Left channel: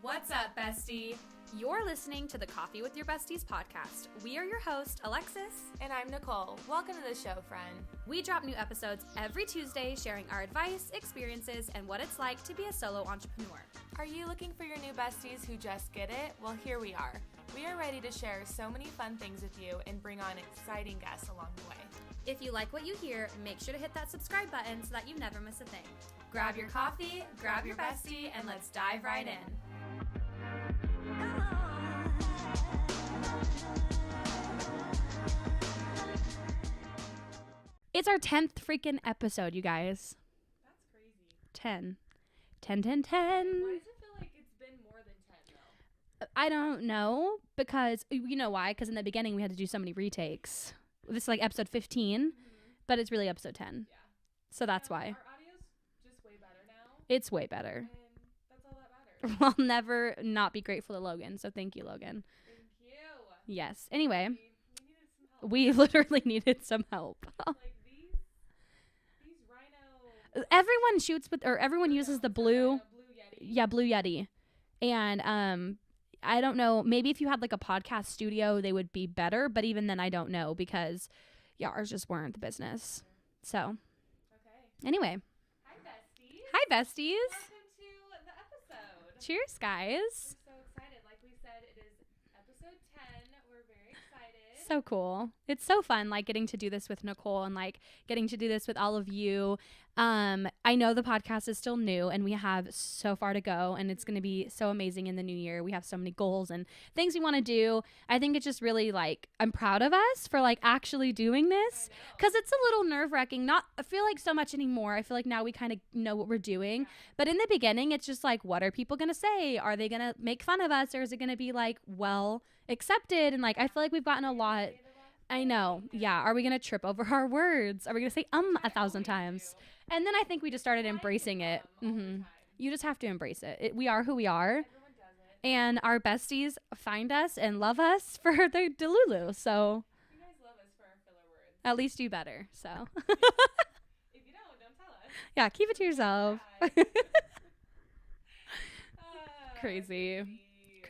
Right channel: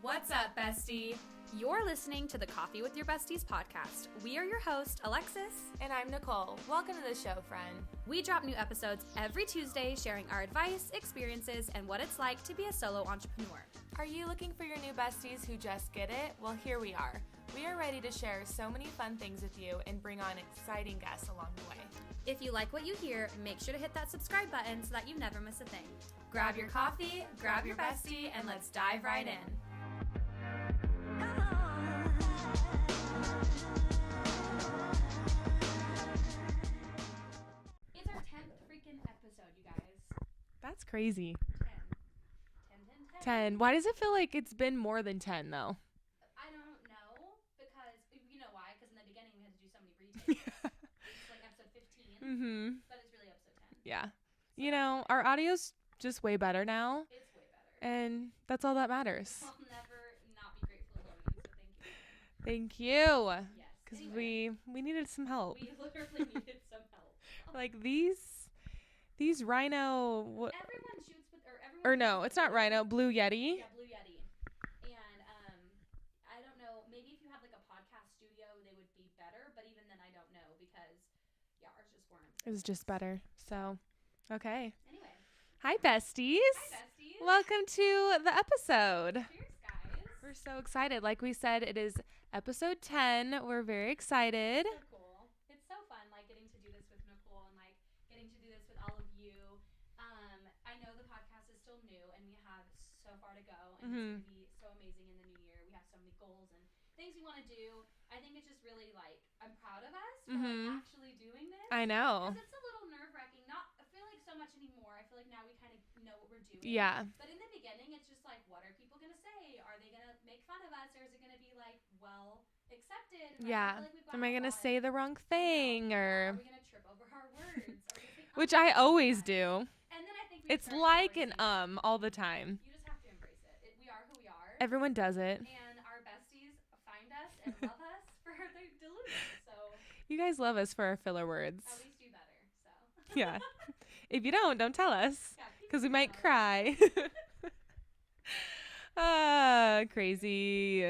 What's up, bestie? You're listening to the Coffee with Your Besties podcast. We are your host, Alexis. And I'm Nicole. Welcome to the show, friend. We drop new episodes every Tuesday sharing our advice, experiences, and what it's like to be a solo entrepreneur. Are you looking for your new besties who just get it? Well, here we are. We are ready to share so many fun things with you and bring on exciting guests along the way. If you like what you hear, make sure to hit that subscribe button so that you never miss a thing. Grab your coffee, grab your bestie, and let's dive right in. It's our 10th freaking episode, you guys. That's crazy. 10. Why does it feel like it's been more than 10, though? I don't know, because, you know why? Because in the beginning, we had to do so many retakes. This is like episode 15, but it's really episode 10. Yeah. So that's why. Our audio's just way better now. It's way better. And that's all that matters. I'll never not be grateful to Logan, so thank you, Logan. Thank you. Yes. Anyway. We needed some help. We literally needed some help. Like these rhino... Everyone shoots with... Or everyone uses no, the it's blue... not rhino, blue Yeti. Yeah, blue Yeti. And I don't know. Maybe if you had like a podcast studio, they would be better. But even then, I don't know, because yeah, ours just weren't the business. It's just better. So okay. Anyway. Hi, besties. Hi, besties. Welcome to the episode. Cheers, guys. We're so excited. Like we said, it is episode 10. We're very excited. So cool. It's so fun, like, getting to do this with Nicole and, like, getting to do this with all of you. I know the podcast is still new and we have so far to go, and it's going to be so amazing in the new year. We have so many goals and things we want to do. I think it's just really, like, I'm proud of us for, like, actually doing this. I know. Because it's a little nerve-wracking. I feel like so much anymore. I feel like now we kind of know what we're doing. Yeah. But in the beginning, it's just like, what are people going to say? Are they going to make fun of us, or is it going to be, like, well accepted? And, like, I feel like we've gotten a lot. Am I going to say the wrong thing? I know. Yeah. Are we going to trip over our words? Are we going to say which I always times? Do. And then I think we just started like embracing it all the time. You just have to embrace it. We are who we are. Everyone does it. And our besties find us and love us for their Delulu. So you guys love us for our filler words. At least do better. So yeah. If you don't tell us. Yeah, keep it to yourself. We might cry. Crazy.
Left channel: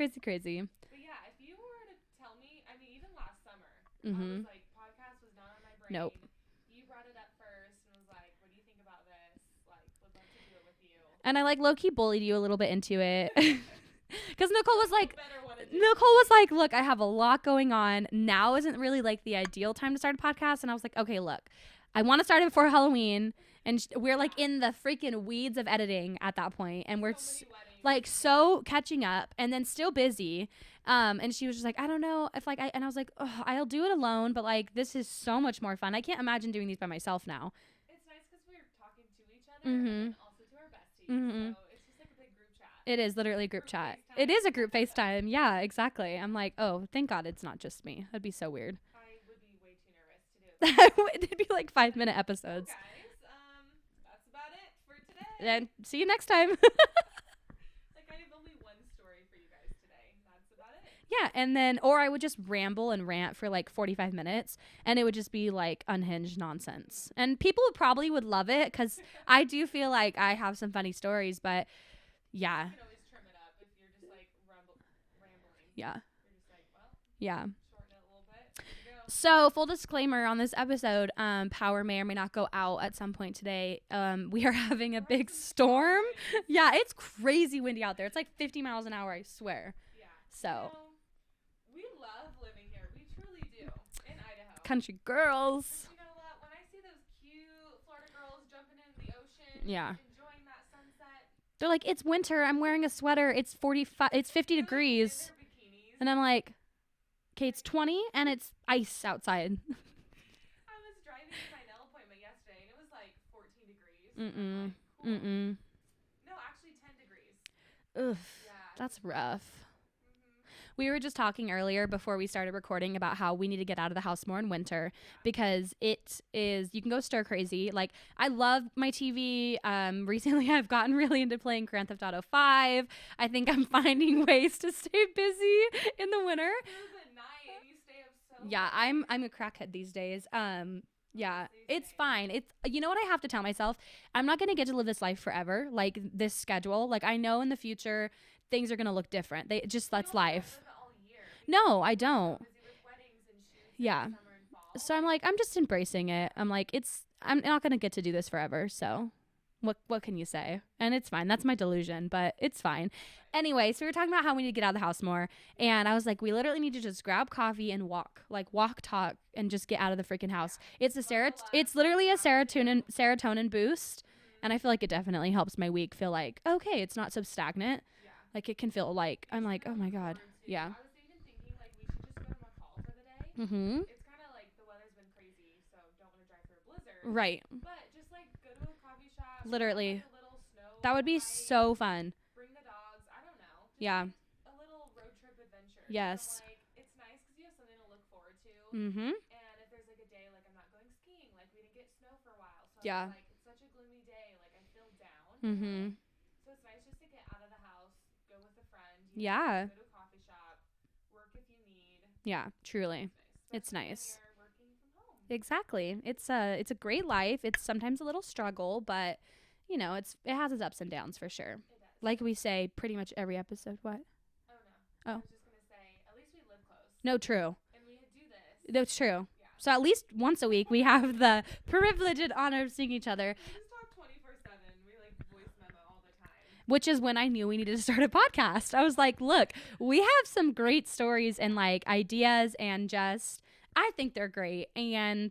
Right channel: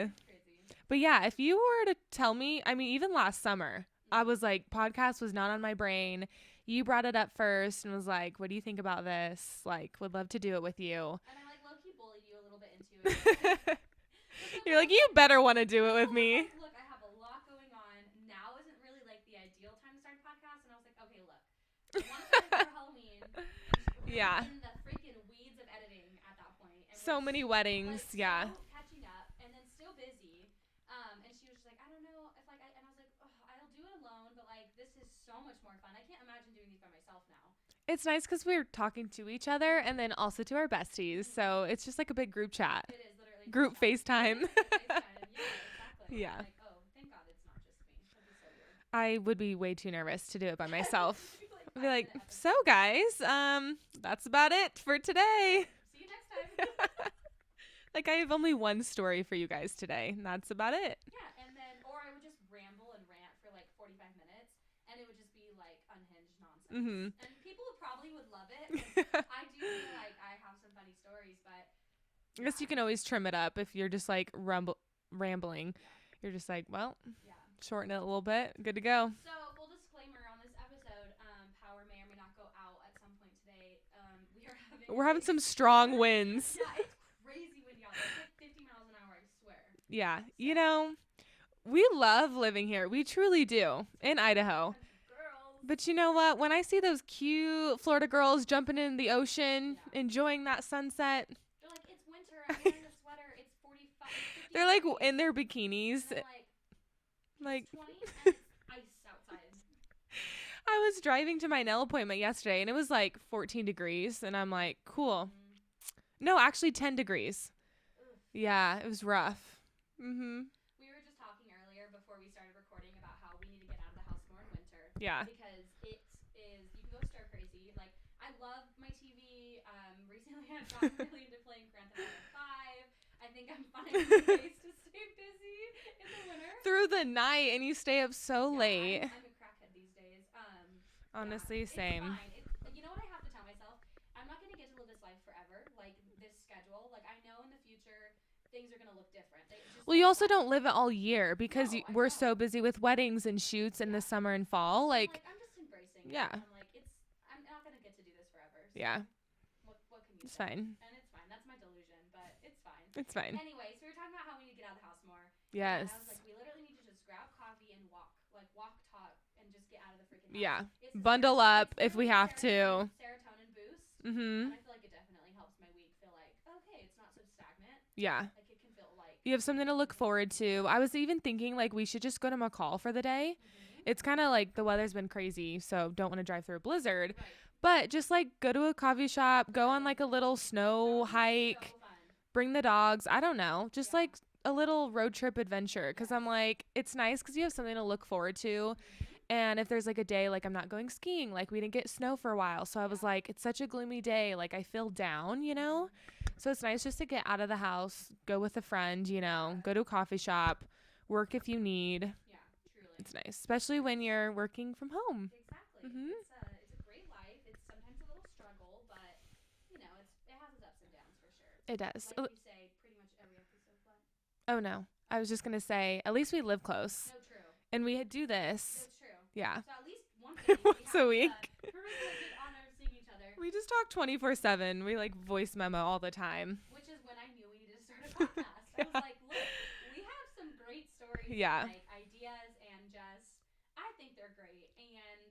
But yeah, if you were to tell me, I mean, even last summer, I was like, podcast was not on my brain. Nope. You brought it up first and was like, what do you think about this? Like, would love to do it with you. And I like low-key bullied you a little bit into it. Because Nicole was like, you better want to do it with me. Nicole was like, look, I have a lot going on. Now isn't really like the ideal time to start a podcast. And I was like, okay, look, I want to start it before Halloween. And we're like in the freaking weeds of editing at that point. And we're so many weddings. Like so catching up and then still busy. And she was just like, I don't know if like and I was like, oh, I'll do it alone. But like, this is so much more fun. I can't imagine doing these by myself now. It's nice because we're talking to each other and then also to our besties. So it's just like a big group chat. It is literally a group chat. FaceTime. It is a group FaceTime. Yeah, exactly. Yeah. I'm like, oh, thank God it's not just me. That'd be so weird. I would be way too nervous to do it by myself. It'd be like 5-minute episodes. So guys, that's about it for today. Yeah, see you next time. Like, I have only one story for you guys today, and that's about it. Yeah, and then, or I would just ramble and rant for like 45 minutes, and it would just be like unhinged nonsense. And people probably would love it, because I do feel like I have some funny stories, but yeah. I guess you can always trim it up if you're just like rambling. Yeah. You're just like, well, yeah, shorten it a little bit. Good to go. So full disclaimer on this episode, power may or may not go out at some point today. We're having some strong winds. Yeah, it's crazy windy out there. It's like 50 miles an hour, I swear. Yeah. So. You know, we love living here. We truly do. In Idaho. Country girls. But you know what? When I see those cute Florida girls jumping in the ocean, enjoying that sunset. They're like, it's winter. I'm wearing a sweater. It's 45. It's 50 They're degrees. Like in their bikinis. And I'm like, okay, it's 20 and it's ice outside. I was driving to my nail appointment yesterday and it was like 14 degrees. And I'm like, cool. No, actually 10 degrees. Ugh, yeah, it was rough. We were just talking earlier before we started recording about how we need to get out of the house more in winter. Yeah. Because it is, you can go stir crazy. Like, I love my TV. Recently I've gotten really into playing Grand Theft Auto 5. I think I'm finding ways to stay busy in the winter. Through the night, and you stay up so late. Yeah, I'm a crackhead these days. Honestly, yeah, it's fine. It's, you know what I have to tell myself? I'm not going to get to live this life forever, like this schedule. Like, I know in the future things are going to look different. They just, well, you also life. don't live it all year because I we're don't. so busy with weddings and shoots in the summer and fall. So I'm just embracing it. I'm like, I'm not going to get to do this forever. So what can you say? Fine. And it's fine. That's my delusion, but it's fine. It's fine. Anyway, so we were talking about how we need to get out of the house more. Yes. And I was like, we literally need to just grab coffee and walk, talk, and just get out of the freaking house. Yeah. It's it's literally a serotonin boost. Mm-hmm. And I feel like it definitely helps my week feel like, okay, it's not so stagnant. Yeah. Like it can feel like you have something to look forward to. Yeah. I was even thinking like we should just go to McCall for the day. Mm-hmm. It's kind of like the weather's been crazy, so don't want to drive through a blizzard. Right. But just like go to a coffee shop, literally. Go on like a little snow that would be hike, so fun. Bring the dogs. I don't know. Just like a little road trip adventure. Because I'm like, it's nice because you have something to look forward to. Mm-hmm. And if there's like a day like I'm not going skiing, like we didn't get snow for a while. So I was like, it's such a gloomy day. Like I feel down, you know? So it's nice just to get out of the house, go with a friend, you know, go to a coffee shop. Work if you need. Yeah, truly. It's nice. Especially when you're working from home. Exactly. Mm-hmm. It's a great life. It's sometimes a little struggle, but you know, it has its ups and downs for sure. It does. Like we say pretty much every episode. What? Oh, no. Oh. I was just going to say, at least we live close. No, true. And we do this. That's true. Yeah. So at least once a week, we have the privilege and honor of seeing each other. We just talk 24/7. We like voice memo all the time. Which is when I knew we needed to start a podcast. I was like, look, we have some great stories and like ideas and just, I think they're great. And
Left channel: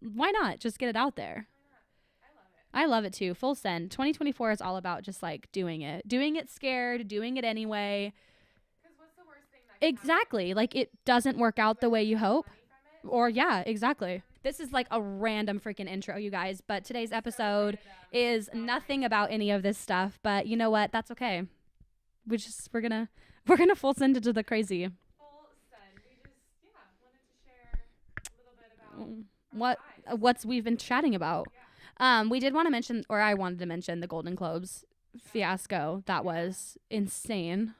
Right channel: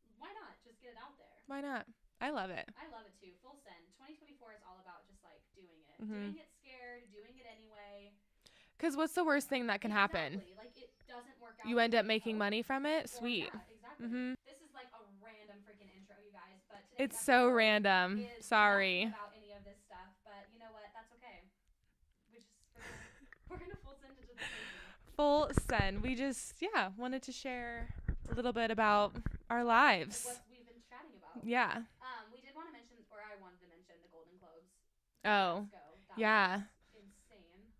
why not just get it out there? Why not? I love it. I love it too. Full send. 2024 is all about just like doing it. Mm-hmm. Doing it scared, doing it anyway. Because what's the worst thing that can happen? Exactly. Like it doesn't work out the way you hope. Money from it? Or exactly. Mm-hmm. This is like a random freaking intro, you guys. But today's episode so random. Is nothing about any of this stuff. But you know what? That's okay. We're gonna full send into the crazy. Full send. We just wanted to share a little bit about our lives. What's we've been chatting about. Yeah. We did want to mention, or I wanted to mention, the Golden Globes fiasco. That was insane.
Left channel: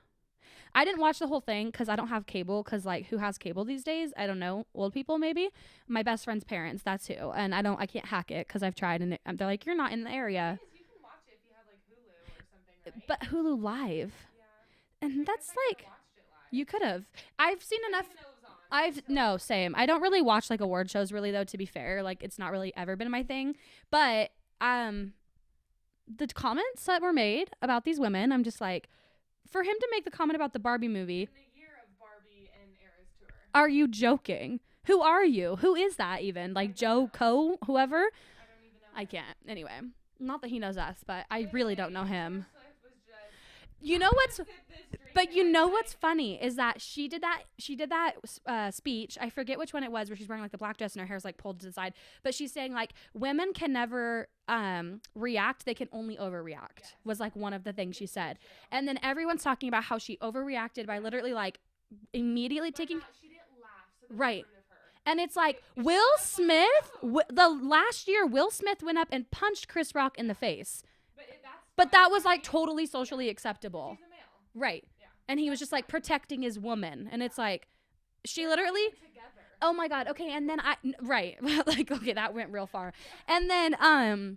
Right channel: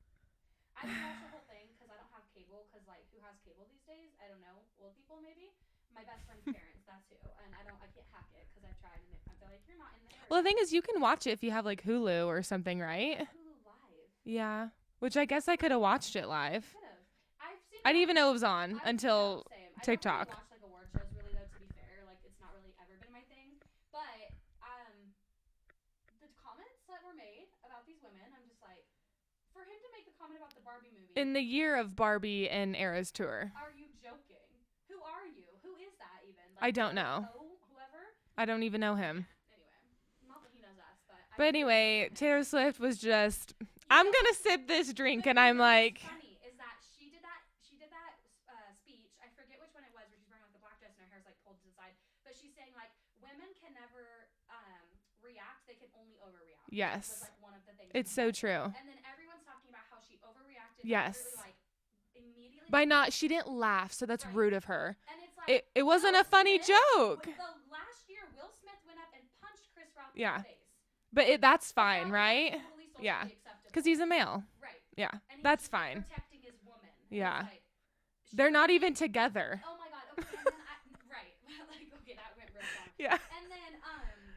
I didn't watch the whole thing because I don't have cable. Because like, who has cable these days? I don't know. Old people maybe. My best friend's parents. That's who. And I can't hack it because I've tried and they're like, you're not in the area. Well, the thing is, you can watch it if you have like Hulu or something, right? But Hulu Live. Yeah. Which I guess I could have watched it live. You could have. I've seen. I didn't even know it was on until. No, same. I don't really watch like award shows really though. To be fair, like it's not really ever been my thing. But the comments that were made about these women, I'm just like, for him to make the comment about the Barbie movie in the year of Barbie and Eras tour. Are you joking? Who are you? Who is that even? Like Joe Coe, whoever? I don't even know him. I can't. Anyway. Not that he knows us, but I really don't know him. Taylor Swift was just, I'm going to sip this drink. But you know what's funny is that she did that speech. I forget which one it was where she's wearing like the black dress and her hair's like pulled to the side. But she's saying like women can never react. They can only overreact. Yes. Was like one of the things she said. It's so true. And then everyone's talking about how she overreacted by literally like immediately she didn't laugh, so that's rude of her. And it's like it wasn't a funny joke. The last year Will Smith went up and punched Chris Rock in the face, but that's fine. But that was like totally socially acceptable because he's a male, right? Yeah, and he was just like protecting his woman, and it's like they're not even together. Oh my god. Okay, and then like okay, that went real far. Yeah, and then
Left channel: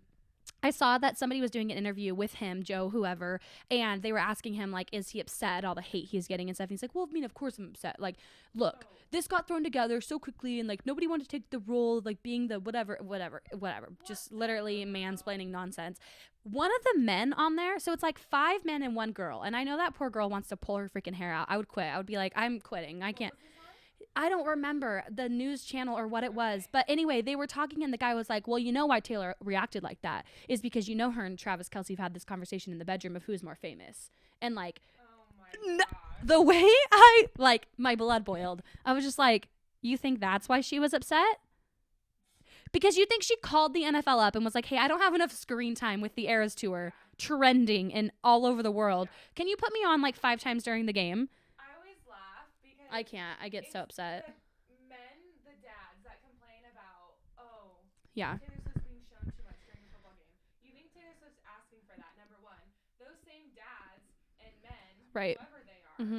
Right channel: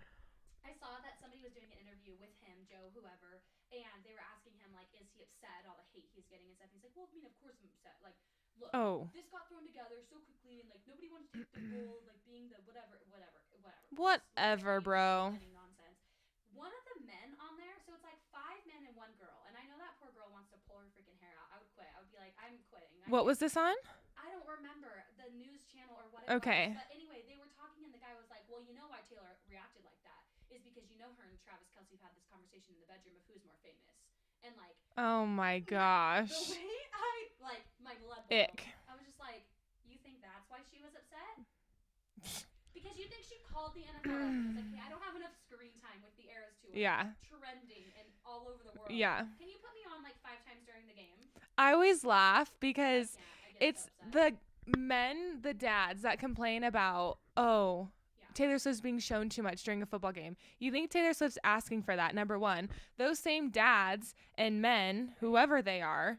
I saw that somebody was doing an interview with him, Joe, whoever, and they were asking him, like, is he upset at all the hate he's getting and stuff? And he's like, well, I mean, of course I'm upset. Like, look, this got thrown together so quickly, and, like, nobody wanted to take the role of, like, being the whatever. Just literally mansplaining nonsense. One of the men on there, so it's, like, 5 men and 1 girl, and I know that poor girl wants to pull her freaking hair out. I would quit. I would be like, I'm quitting. What was this on? I don't remember the news channel or what it was. But anyway, they were talking and the guy was like, well, you know why Taylor reacted like that is because her and Travis Kelce have had this conversation in the bedroom of who is more famous. And like, oh my gosh. The way my blood boiled. I was just like, you think that's why she was upset? Because you think she called the NFL up and was like, hey, I don't have enough screen time with the Eras tour trending and all over the world. Yeah. Can you put me on like 5 times during the game? I always laugh because I can't. I get so upset. The dads that complain about, Taylor Swift's being shown too much during a football game. You think Taylor Swift's asking for that? Number one, those same dads and men, whoever they are,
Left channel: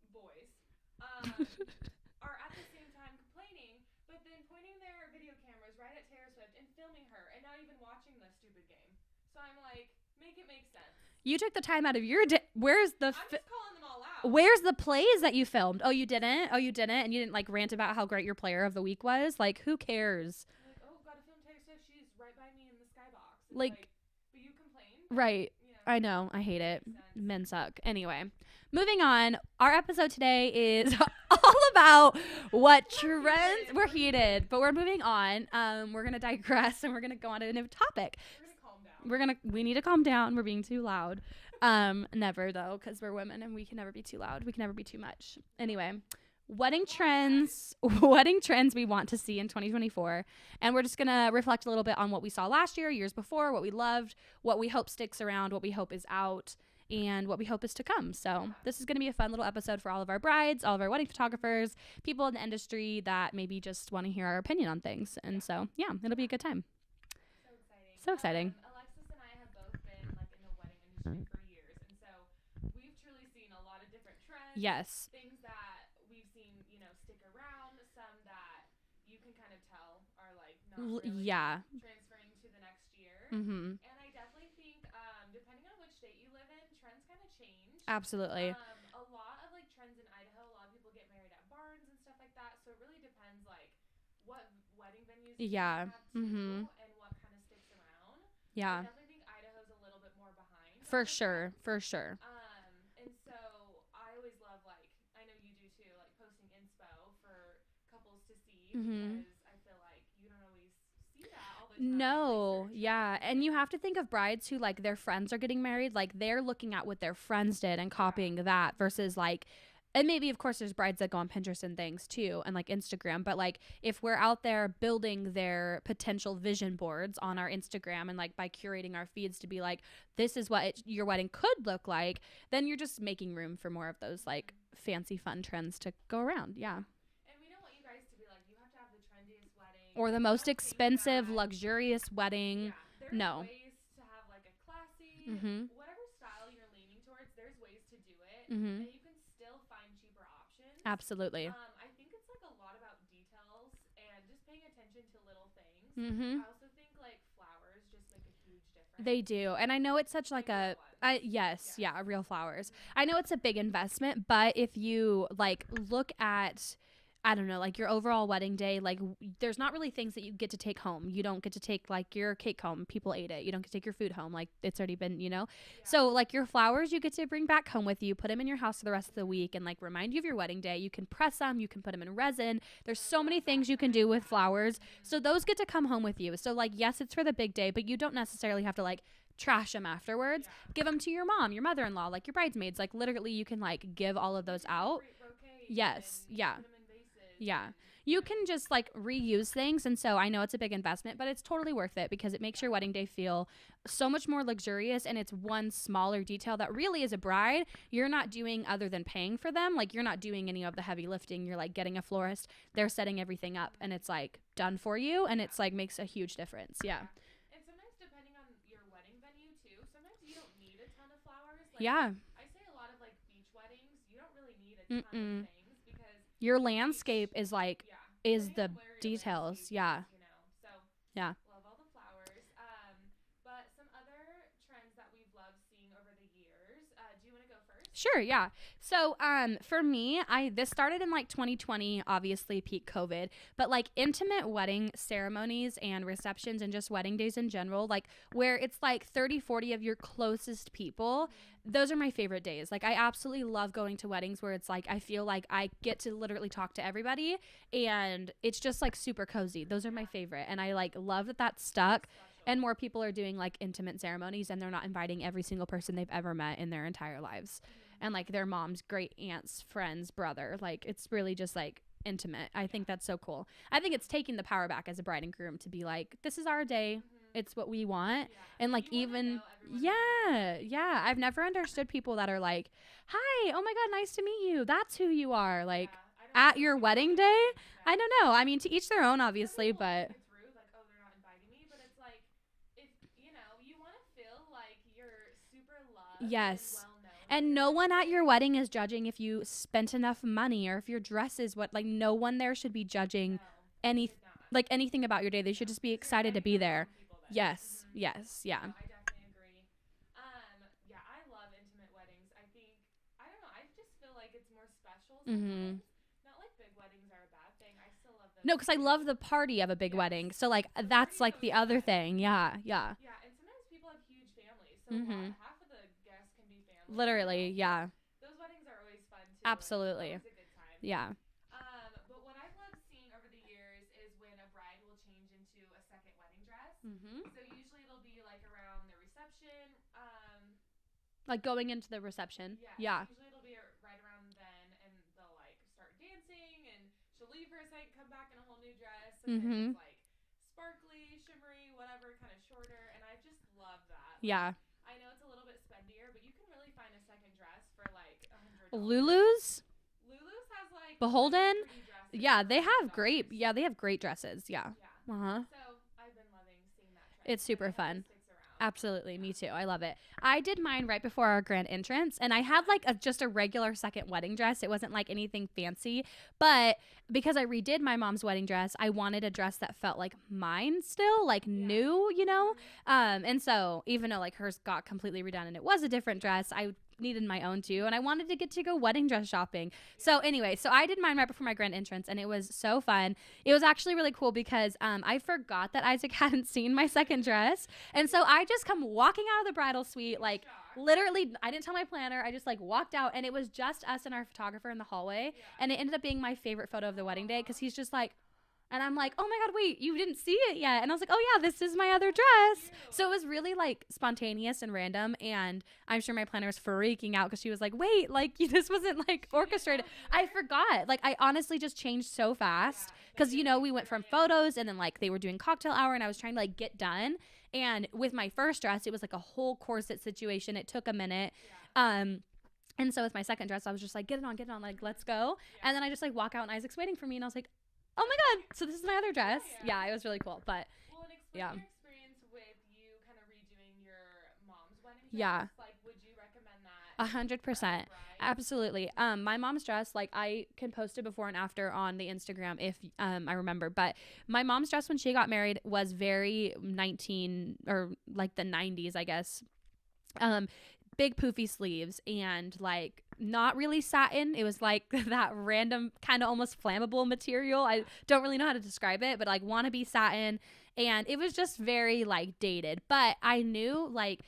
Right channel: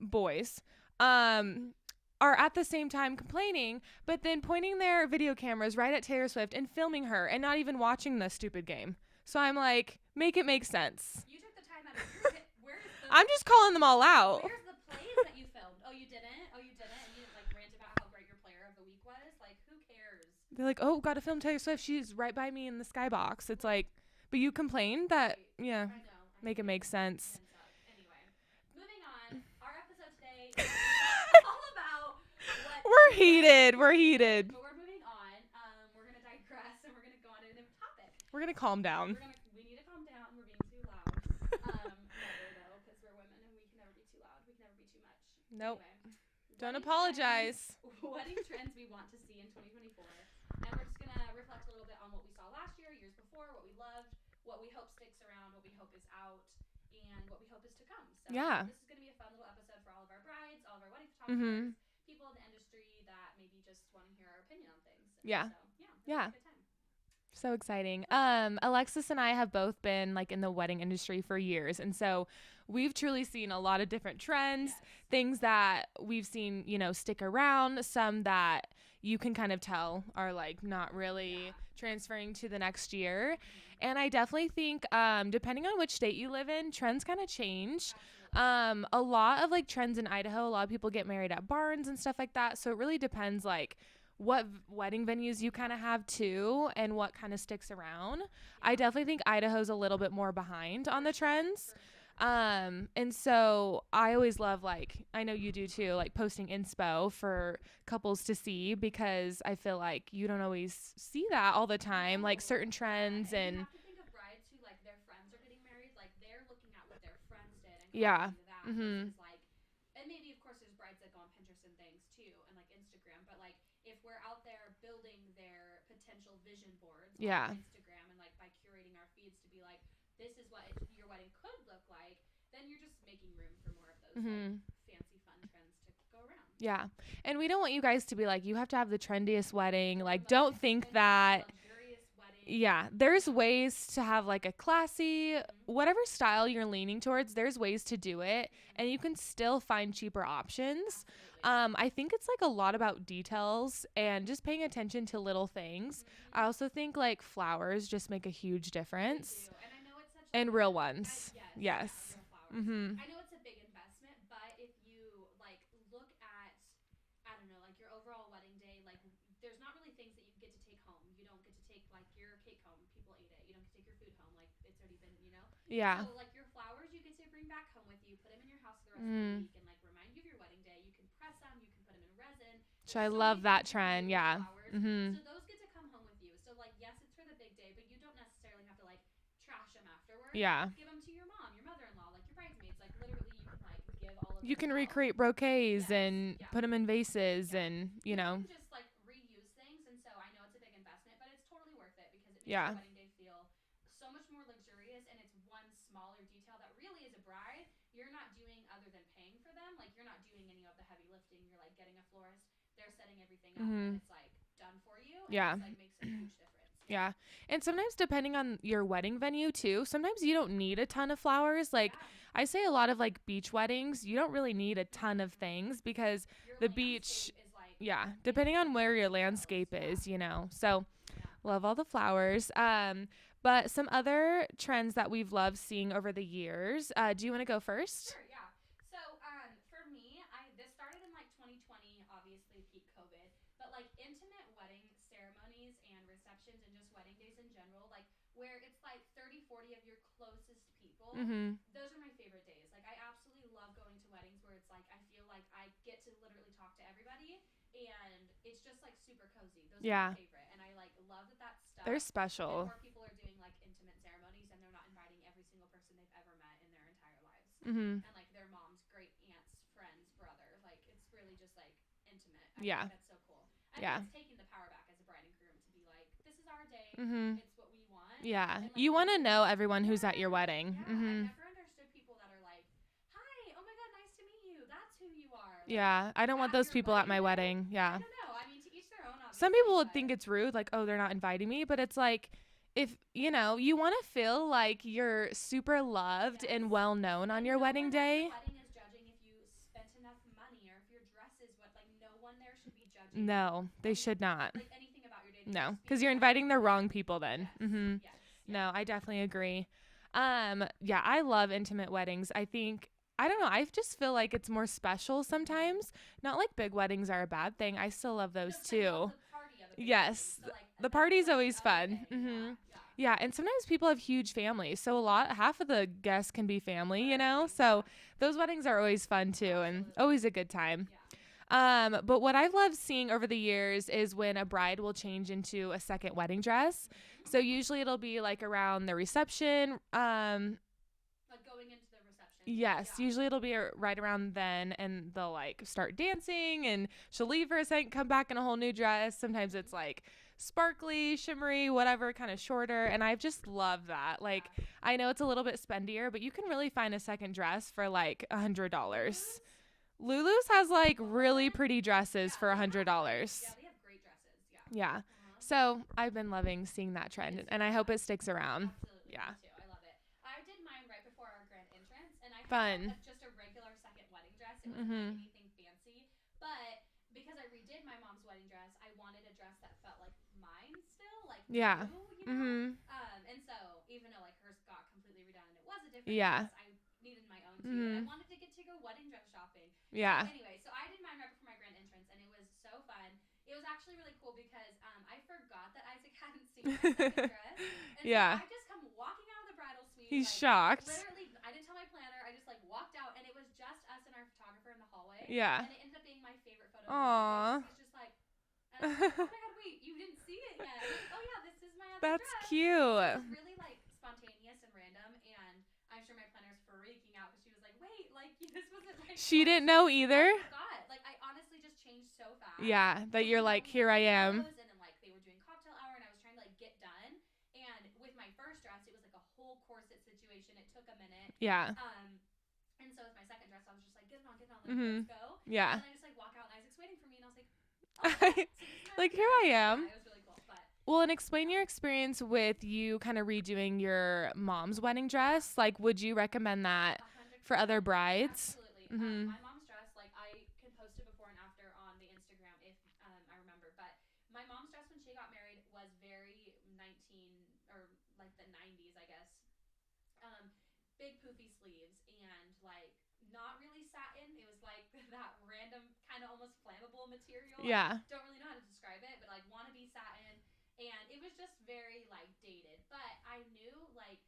boys, are at the same time complaining, but then pointing their video cameras right at Taylor Swift and filming her and not even watching the stupid game. So I'm like, make it make sense. You took the time out of your day. Where's the... I'm just calling them all out. Where's the plays that you filmed? Oh, you didn't? And you didn't like rant about how great your player of the week was? Like, who cares? They're like, oh, gotta film Taylor Swift. She's right by me in the skybox. It's like, but you complained that. Right. Yeah. I know. I hate it. Makes sense. Men suck. Anyway. Moving on, our episode today is all about what we're heated, but we're moving on. We're gonna digress and we're gonna go on to a new topic. We're gonna calm down. We need to calm down. We're being too loud. Never though, because we're women and we can never be too loud. We can never be too much. Nope. Anyway, wedding trends we want to see in 2024, and we're just gonna reflect a little bit on what we saw last year, years before, what we loved, what we hope sticks around, what we hope is out, and what we hope is to come. So this is going to be a fun little episode for all of our brides, all of our wedding photographers, people in the industry that maybe just want to hear our opinion on things. And so, it'll be a good time. So exciting. Alexis and I have both been like in the wedding industry for years. And so we've truly seen a lot of different trends. Yes. Things that we've seen, stick around, some that you can kind of tell are like not really transferring to the next year. And I definitely think depending on which state you live in, trends kind of change. Absolutely. A lot of like trends in Idaho, a lot of people get married at barns and stuff like that. So it really depends like what wedding venues you kind of have too and what kind of sticks around. I definitely think Idaho's a little bit more behind on the trends. For sure. And so I always love, like, I know you do too, like posting inspo for couples to see because I feel like you don't always see that all the time, like certain trends. And you have to think of brides who like their friends are getting married, like they're looking at what their friends did and copying that versus like, and maybe, of course, there's brides that go on Pinterest and things too, and like Instagram. But like, if we're out there building their potential vision boards on our Instagram and like by curating our feeds to be like, this is what your wedding could look like, then you're just making room for more of those like fancy fun trends to go around. Yeah. And we don't want you guys to be like, you have to have the trendiest wedding or like, the most expensive, luxurious wedding. Yeah. There's ways to have like a classy, whatever style you're leaning towards, there's ways to do it. And you can still find cheaper options. Absolutely. I think it's like a lot about details and just paying attention to little things. I also think like flowers just make a huge difference. They do. And I know it's such like real ones. Yes. Real flowers. I know it's a big investment, but if you like look at, I don't know, like your overall wedding day, like there's not really things that you get to take home. You don't get to take like your cake home. People ate it. You don't get to take your food home. Like it's already been, So like your flowers, you get to bring back home with you, put them in your house for the rest of the week and like remind you of your wedding day. You can press them. You can put them in resin. There's so many things you can do with flowers. So those get to come home with you. So like, yes, it's for the big day, but you don't necessarily have to like trash them afterwards. Give them to your mom, your mother-in-law, like your bridesmaids. Like literally you can like give all of those out. You can recreate bouquets and put them in vases and you can just like reuse things. And so I know it's a big investment, but it's totally worth it because it makes your wedding day feel so much more luxurious, and it's one smaller detail that really as a bride you're not doing other than paying for them. Like you're not doing any of the heavy lifting. You're like getting a florist, they're setting everything up and it's like done for you, and it's like makes a huge difference. And sometimes depending on your wedding venue too, sometimes you don't need a ton of flowers. Like I say a lot of like beach weddings, you don't really need a ton of things because your landscape is like depending on where your landscape is, so love all the flowers. But some other trends that we've loved seeing over the years. Do you want to go first? Sure, yeah. So for me, this started in like 2020, obviously peak COVID, but like intimate wedding ceremonies and receptions and just wedding days in general, like where it's like 30, 40 of your closest people, those are my favorite days. Like I absolutely love going to weddings where it's like I feel like I get to literally talk to everybody and it's just like super cozy. Those are my favorite. And I like love that that's stuck. They're special. And more people are doing like intimate ceremonies and they're not inviting every single person they've ever met in their entire lives. And like their mom's great aunt's friend's brother. Like it's really just like intimate. I think that's so cool. I think it's taking the power back as a bride and groom to be like, this is our day. It's what we want. And like you want to know everyone who's at your wedding. I've never understood people that are like, hi, oh my god, nice to meet you, that's who you are. Like I don't want those people at my wedding. I don't know, I mean, to each their own, obviously. Some people would think it's rude, like, oh, they're not inviting me, but it's like if you know, you want to feel like you're super loved and well known on your wedding day. And no one at your wedding is judging if you spent enough money or if your dress is what, like, no one there should be judging. No, they should not. Like, anything about your day. They should just be excited to be there. Because you're inviting the wrong people then. Yes. Yes. Yeah. No, I definitely agree. Yeah, I love intimate weddings. I don't know. I just feel like it's more special sometimes. Not like big weddings are a bad thing. I still love those. No, because I love the party of a big wedding. So like that's like the other thing. Yeah. Yeah, and sometimes people have huge families, so half of the guests can be family. Literally, you know. So those weddings are always fun too. Absolutely, and always a good time. Yeah. But what I've loved seeing over the years is when a bride will change into a second wedding dress. So usually it'll be like around the reception. Like going into the reception. Yes. Yeah. Usually it'll be right around then, and they'll like start dancing, and she'll leave for a second, come back in a whole new dress. Sometimes it's like sparkly, shimmery, whatever, kind of shorter. And I've just loved that. Like, I know it's a little bit spendier, but you can really find a second dress for like $100. Lulu's has like really pretty dresses for $100. They have great dresses. Yeah. So I've been loving seeing that trend, and I hope it sticks around. Absolutely. Me too. I love it. I did mine right before our grand entrance, and I had like just a regular second wedding dress. It wasn't like anything fancy, but because I redid my mom's wedding dress, I wanted a dress that felt like mine still, like new, you know? And so even though like hers got completely redone and it was a different dress, I needed my own too, and I wanted to get to go wedding dress shopping. So anyway, so I did mine right before my grand entrance, and it was so fun. It was actually really cool because I forgot that Isaac hadn't seen my second dress, and so I just come walking out of the bridal suite. He's like shocked. Literally, I didn't tell my planner. I just like walked out, and it was just us and our photographer in the hallway. And it ended up being my favorite photo of the wedding day because he's just like, and I'm like, oh my God, wait, you didn't see it yet. And I was like, oh yeah, this is my other dress. Cute. So it was really like spontaneous and random. And I'm sure my planner was freaking out because she was like, wait, like this wasn't like she didn't know either. I forgot. Like I honestly just changed so fast. Yeah. Because you know, like, we went from photos, and then like they were doing cocktail hour, and I was trying to like get done. And with my first dress, it was like a whole corset situation. It took a minute. Yeah. And so with my second dress, I was just like, get it on, like, let's go. Yeah. And then I just like walk out, and Isaac's waiting for me, and I was like, oh my God, so this is my other dress. Here I am. Yeah, it was really cool. But and explain your experience with you kind of redoing your mom's wedding dress. Like, would you recommend that 100% for other brides? Absolutely. My mom's dress, like I can post it before and after on the Instagram if I remember. But my mom's dress when she got married was very or like the 90s, I guess. Big poofy sleeves and like not really satin. It was like that random kind of almost flammable material. I don't really know how to describe it, but like wannabe satin. And it was just very like dated. But I knew like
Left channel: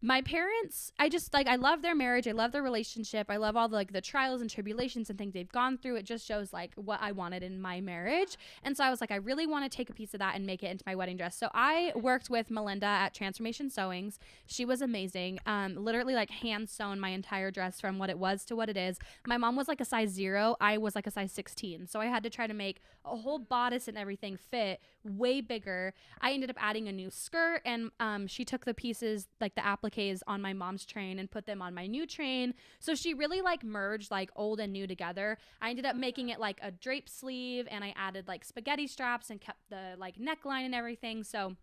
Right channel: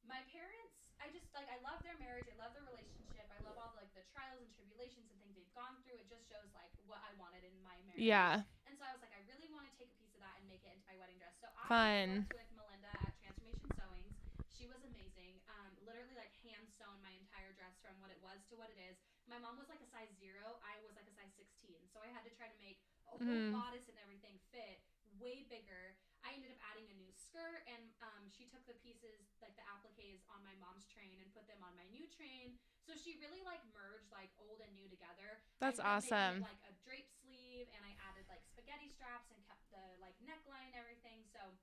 my parents, I love their marriage. I love their relationship. I love all the trials and tribulations and things they've gone through. It just shows like what I wanted in my marriage. And so I was like, I really want to take a piece of that and make it into my wedding dress. So I worked with Melinda at Transformation Sewings. She was amazing. Literally like hand sewn my entire dress from what it was to what it is. My mom was like a size 0. I was like a size 16. So I had to try to make a whole bodice and everything fit way bigger. I ended up adding a new skirt, and she took the pieces, like the appliques on my mom's train and put them on my new train. So she really like merged like old and new together. I ended up making it like a drape sleeve, and I added like spaghetti straps and kept the like neckline and everything. So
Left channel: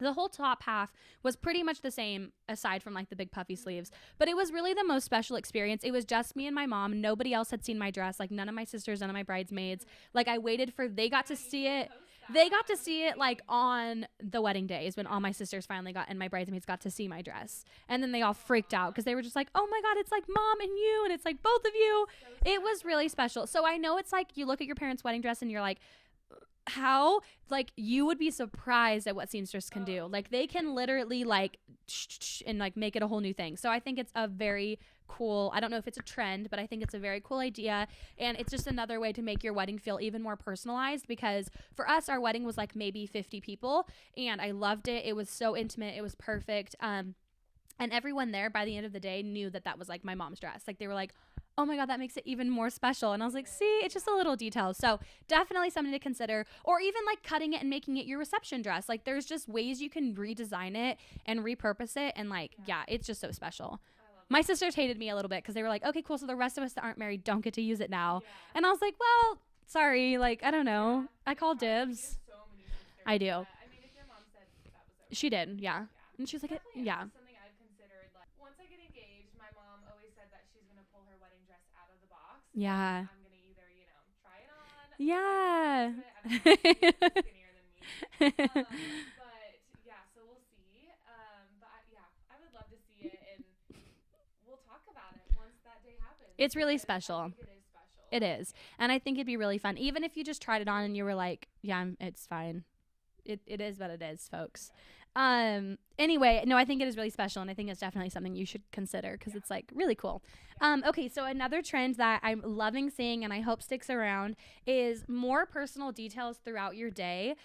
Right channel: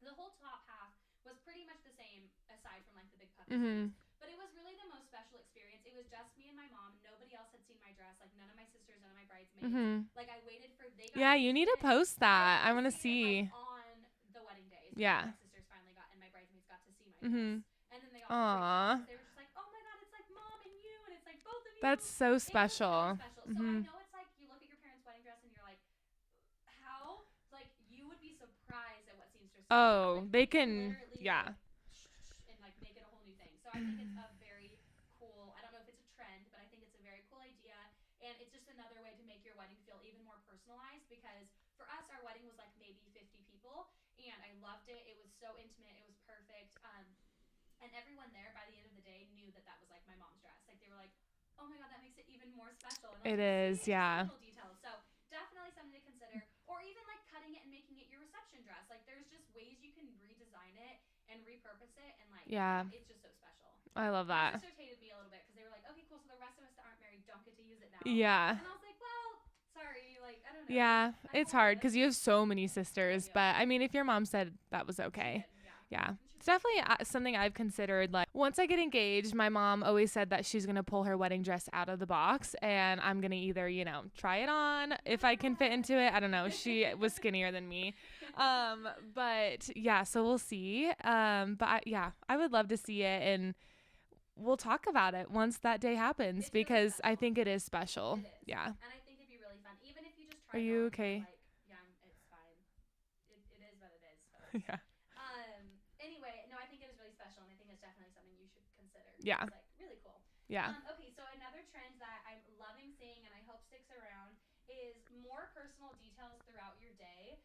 the whole top half was pretty much the same aside from like the big puffy sleeves, but it was really the most special experience. It was just me and my mom. Nobody else had seen my dress. Like none of my sisters, none of my bridesmaids. Like I waited for, they got to see it. Yeah, you need to post that. They got to see it like on the wedding day is when all my sisters finally got, and my bridesmaids got to see my dress. And then they all freaked out because they were just like, oh my God, it's like mom and you, and it's like both of you. That's so special. It was really special. So I know it's like you look at your parents' wedding dress and you're like, how, like you would be surprised at what seamstress can do. Like they can literally like and like make it a whole new thing. So I think it's a very cool, I don't know if it's a trend, but I think it's a very cool idea, and it's just another way to make your wedding feel even more personalized, because for us our wedding was like maybe 50 people, and I loved it. It was so intimate. It was perfect. And everyone there by the end of the day knew that that was like my mom's dress. Like they were like, oh my God, that makes it even more special. And I was like, see, it's just a little detail. So definitely something to consider. Or even like cutting it and making it your reception dress. Like there's just ways you can redesign it and repurpose it. And like, it's just so special. I love that. My sisters hated me a little bit because they were like, okay, cool. So the rest of us that aren't married don't get to use it now. Yeah. And I was like, well, sorry, like, I don't know. Yeah, I it's hard because you have so many sisters. I do. But I mean, if your mom said that was okay. She did, yeah. Yeah. And she's it's like, definitely something I've considered. Like, once I get engaged, my mom always said that she's going to pull her wedding dress out of the box. And I'm going to either, you know, try it on if I can fit into it. I don't know. She was skinnier than me. But yeah, so we'll see. But I would love to see it, and we'll talk about it once that day happens. It's really special. I think it is special. It is. Yeah. And I think it'd be really fun. Even if you just tried it on and you were like, yeah, it's fine. It is what it is, folks. Anyway, no, I think it is really special, and I think it's definitely something you should consider because it's like really cool. Okay, so another trend that I'm loving seeing and I hope sticks around is more personal details throughout your day.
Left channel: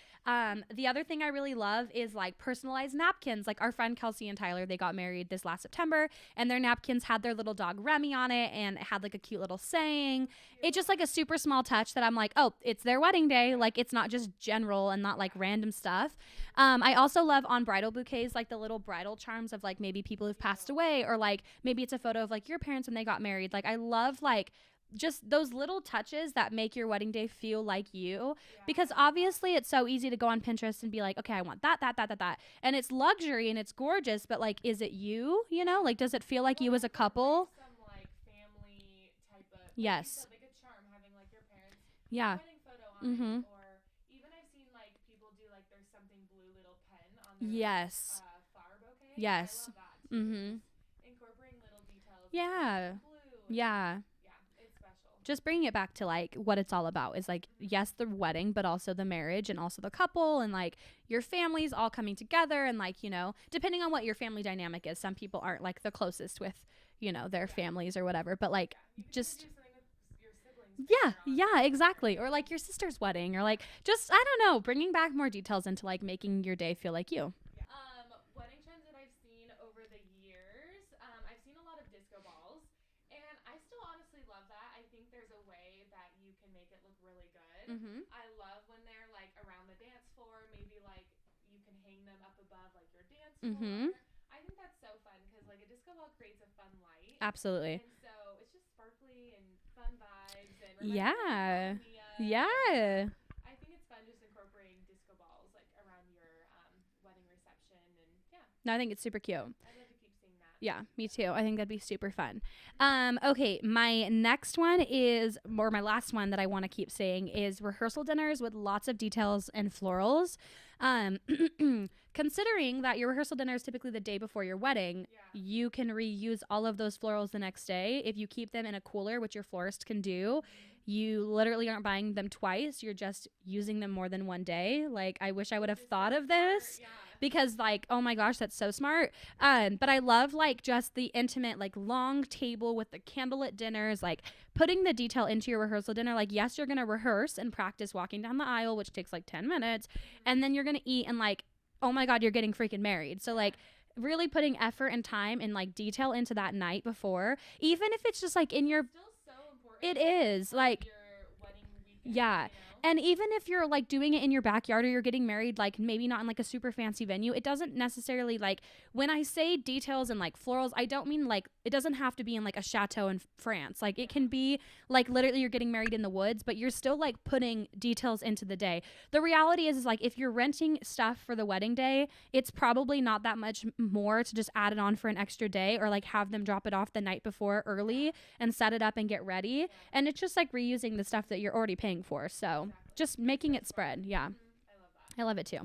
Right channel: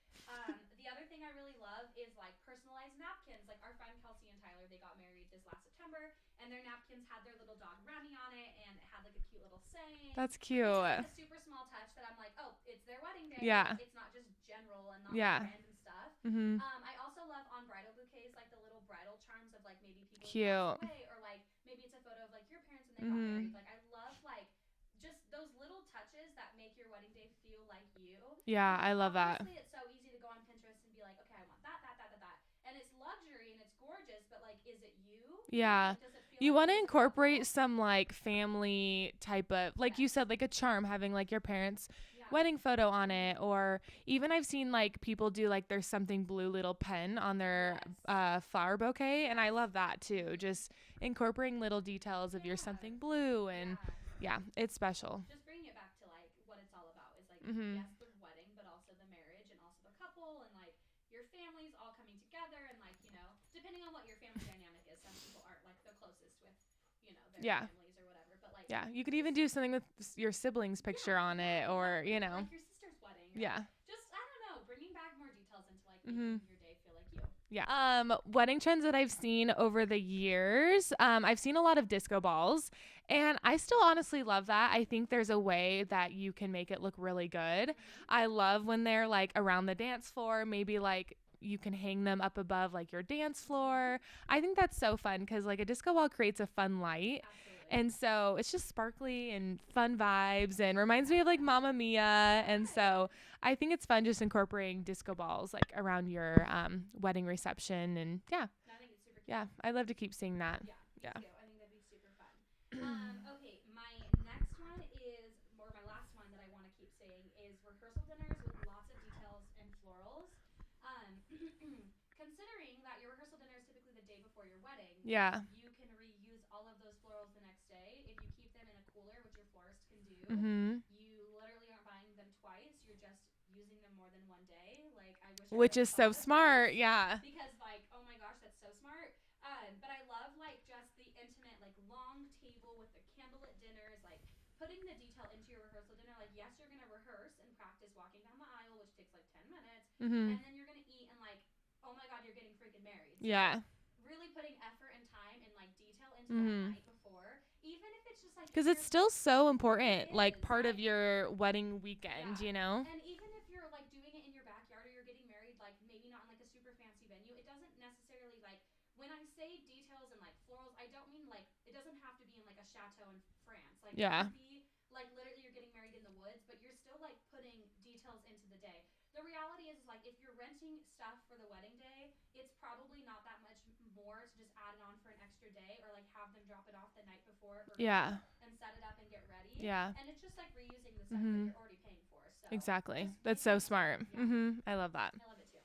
The other thing I really love is like personalized napkins. Like our friend Kelsey and Tyler, they got married this last September, and their napkins had their little dog Remy on it, and it had like a cute little saying. That's cute. It's just like a super small touch that I'm like, oh, it's their wedding day. Like it's not just general and not like random stuff. I also love on bridal bouquets, like the little bridal charms of like maybe people who've passed away, or like maybe it's a photo of like your parents when they got married. Like I love like just those little touches that make your wedding day feel like you. Yeah. Because obviously it's so easy to go on Pinterest and be like, okay, I want that. And it's luxury and it's gorgeous, but like, is it you? You know, like, does it feel like you as a couple? Incorporate some like family type of, like you said, like a charm, having like your parents' wedding photo on it. Or even I've seen like people do like there's something blue little pen on their flower bouquet. And I love that too. Just incorporating little details of your something blue. And it's special. Just bringing it back to like what it's all about is like yes, the wedding, but also the marriage and also the couple and like your families all coming together, and like, you know, depending on what your family dynamic is, some people aren't like the closest with, you know, their families or whatever, but like you could even do something with your siblings picture on it. Exactly. Or, you know. Or like your sister's wedding, or like just, I don't know, bringing back more details into like making your day feel like you. Wedding trends that I've seen over the years, I've seen a lot of disco balls, and I still honestly love that. I think there's a way that you can make it look really good. I love when they're like around the dance floor, maybe like you can hang them up above like your dance floor. I think that's so fun because like a disco ball creates a fun light. Absolutely. And so it's just sparkly and fun vibes and reminds me of like Mamma Mia. And so I think it's fun just incorporating disco balls like around your wedding reception. And no, I think it's super cute. I'd love to keep seeing that. Me too. I think that'd be super fun. Okay, my next one is, or my last one that I want to keep saying is rehearsal dinners with lots of details and florals. Considering that your rehearsal dinner is typically the day before your wedding, you can reuse all of those florals the next day. If you keep them in a cooler, which your florist can do, you literally aren't buying them twice. You're just using them more than one day. Like, I wish I would have thought of smart. this. Because like, oh my gosh, that's so smart. But I love like just the intimate, like long table with the candlelit dinners, like putting the detail into your rehearsal dinner. Like, yes, you're going to rehearse and practice walking down the aisle, which takes like 10 minutes. And then you're going to eat and like, oh my God, you're getting freaking married. So like really putting effort and time and like detail into that night before, even if it's just like in your, it's still so important. It is like part of your wedding weekend, you know? And even if you're like doing it in your backyard or you're getting married, like maybe not in like a super fancy venue, it doesn't necessarily, like when I say details and like florals, I don't mean like, it doesn't have to be in like a chateau in France. Like it can be like literally you're getting married in the woods, but you're still like putting details into the day. The reality is like if you're renting stuff for the wedding day, it's probably not that much more to just add it on for an extra day, or like have them drop it off the night before early and set it up and get ready. And it's just like reusing the stuff that you're already paying for. So just making it smart. I love that. I love it too.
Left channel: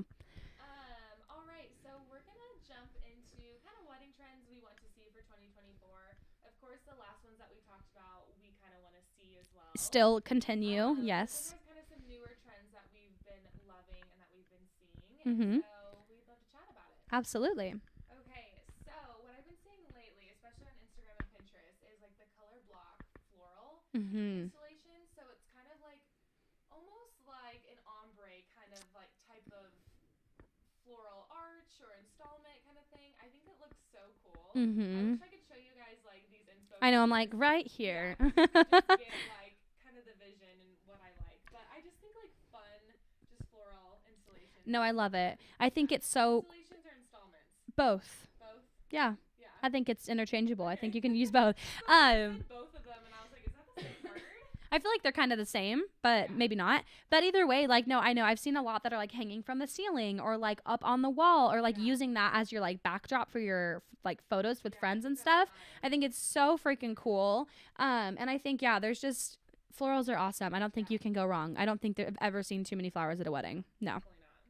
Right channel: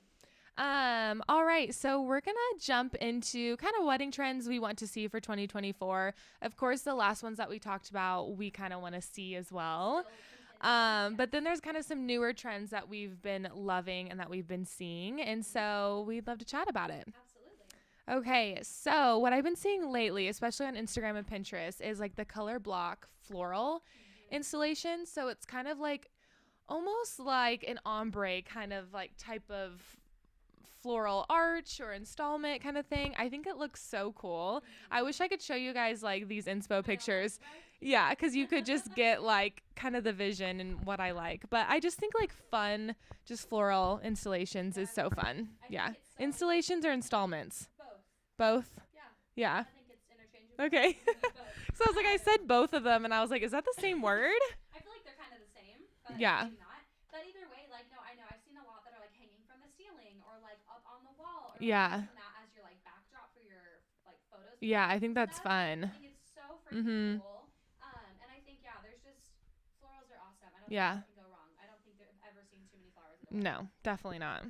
All right, so we're gonna jump into kind of wedding trends we want to see for 2024. Of course, the last ones that we talked about, we kind of want to see as well. Still continue, yes. But then there's kind of some newer trends that we've been loving and that we've been seeing, and so we'd love to chat about it. Absolutely. Okay, so what I've been seeing lately, especially on Instagram and Pinterest, is like the color block floral installation. So it's kind of like almost like an ombre kind of like type of floral arch or installment kind of thing. I think it looks so cool. I wish I could show you guys like these inspo pictures. I know, I'm like right here. Yeah, because you could just get like kind of the vision and what I like. But I just think like fun, just floral installations. No, is I love so it. fun. I think it's so installations or installments. Both. Yeah. I think it's interchangeable. Okay. I think you can use both. So I said both of them, and I was like, is that the same word? I feel like they're kind of the same, but maybe not. But either way, like, no, I know I've seen a lot that are like hanging from the ceiling or like up on the wall or like using that as your like backdrop for your like photos with friends I think and that's stuff. fun. I think it's so freaking cool. And I think, there's just florals are awesome. I don't think you can go wrong. I don't think I've ever seen too many flowers at a wedding. No, definitely not.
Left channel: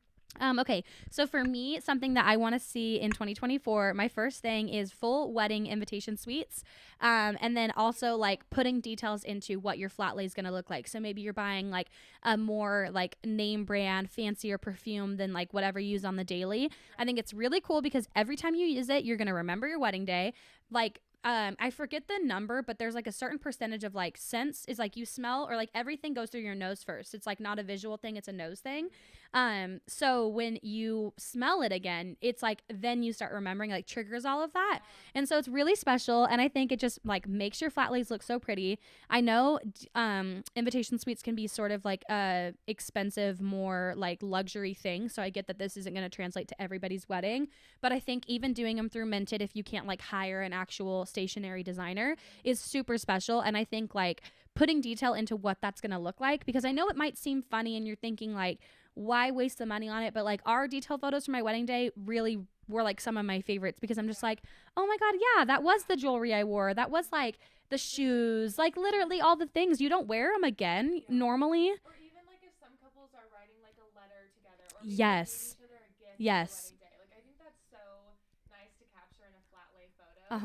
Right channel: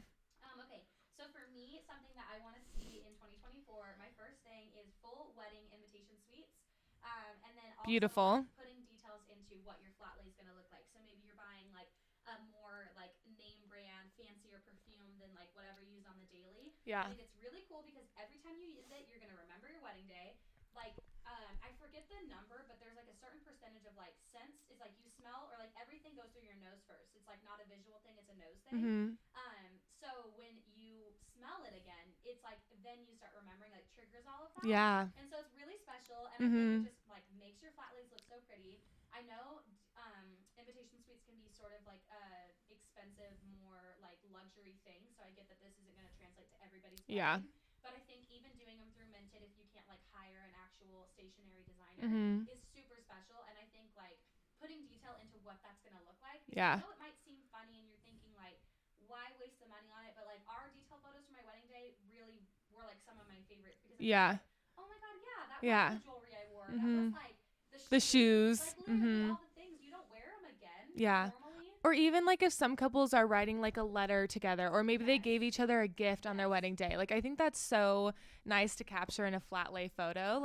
Okay, so for me, something that I want to see in 2024, my first thing is full wedding invitation suites, and then also like putting details into what your flat lay is going to look like. So maybe you're buying like a more like name brand, fancier perfume than like whatever you use on the daily. Yeah. I think it's really cool because every time you use it, you're going to remember your wedding day. Like, I forget the number, but there's like a certain percentage of like scents is like you smell or like everything goes through your nose first. It's like not a visual thing, it's a nose thing. So when you smell it again, it's like then you start remembering, like triggers all of that. Yeah. And so it's really special, and I think it just like makes your flat lays look so pretty. I know invitation suites can be sort of like a expensive, more like luxury thing, so I get that this isn't going to translate to everybody's wedding. But I think even doing them through Minted, if you can't like hire an actual stationary designer, is super special. And I think like putting detail into what that's going to look like, because I know it might seem funny and you're thinking like, why waste the money on it? But like our detail photos for my wedding day really were like some of my favorites, because I'm just like, oh my God, that was the jewelry I wore. That was like the shoes, like literally all the things. You don't wear them again normally. Or even like if some couples are writing like a letter together, or maybe they gave each other a gift on their wedding day. Like I think that's so nice to capture in a flat lay photo.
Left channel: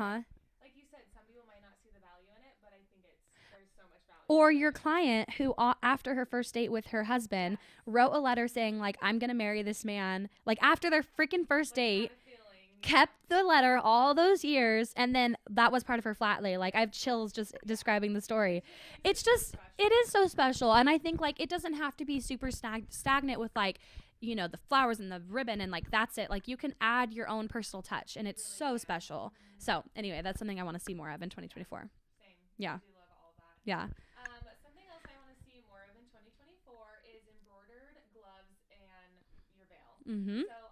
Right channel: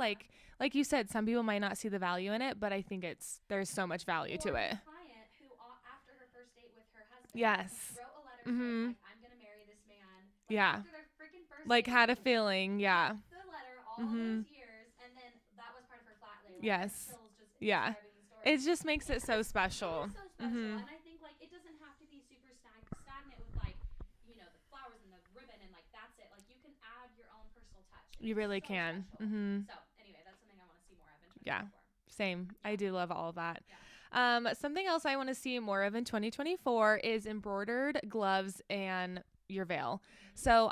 Like you said, some people might not see the value in it, but I think there's so much value to it. Or your client who after her first date with her husband wrote a letter saying like, I'm going to marry this man. Like after their freaking first date. Like had a feeling. Kept the letter all those years. And then that was part of her flat lay. Like I have chills just describing the story. It just makes it so special. It is so special. And I think like it doesn't have to be super stagnant with like, you know, the flowers and the ribbon and like that's it. Like you can add your own personal touch, and it's really so special. So anyway, that's something I want to see more of in 2024. Same. I do love all of that. Yeah. Something else I want to see more of in 2024 is embroidered gloves and your veil. So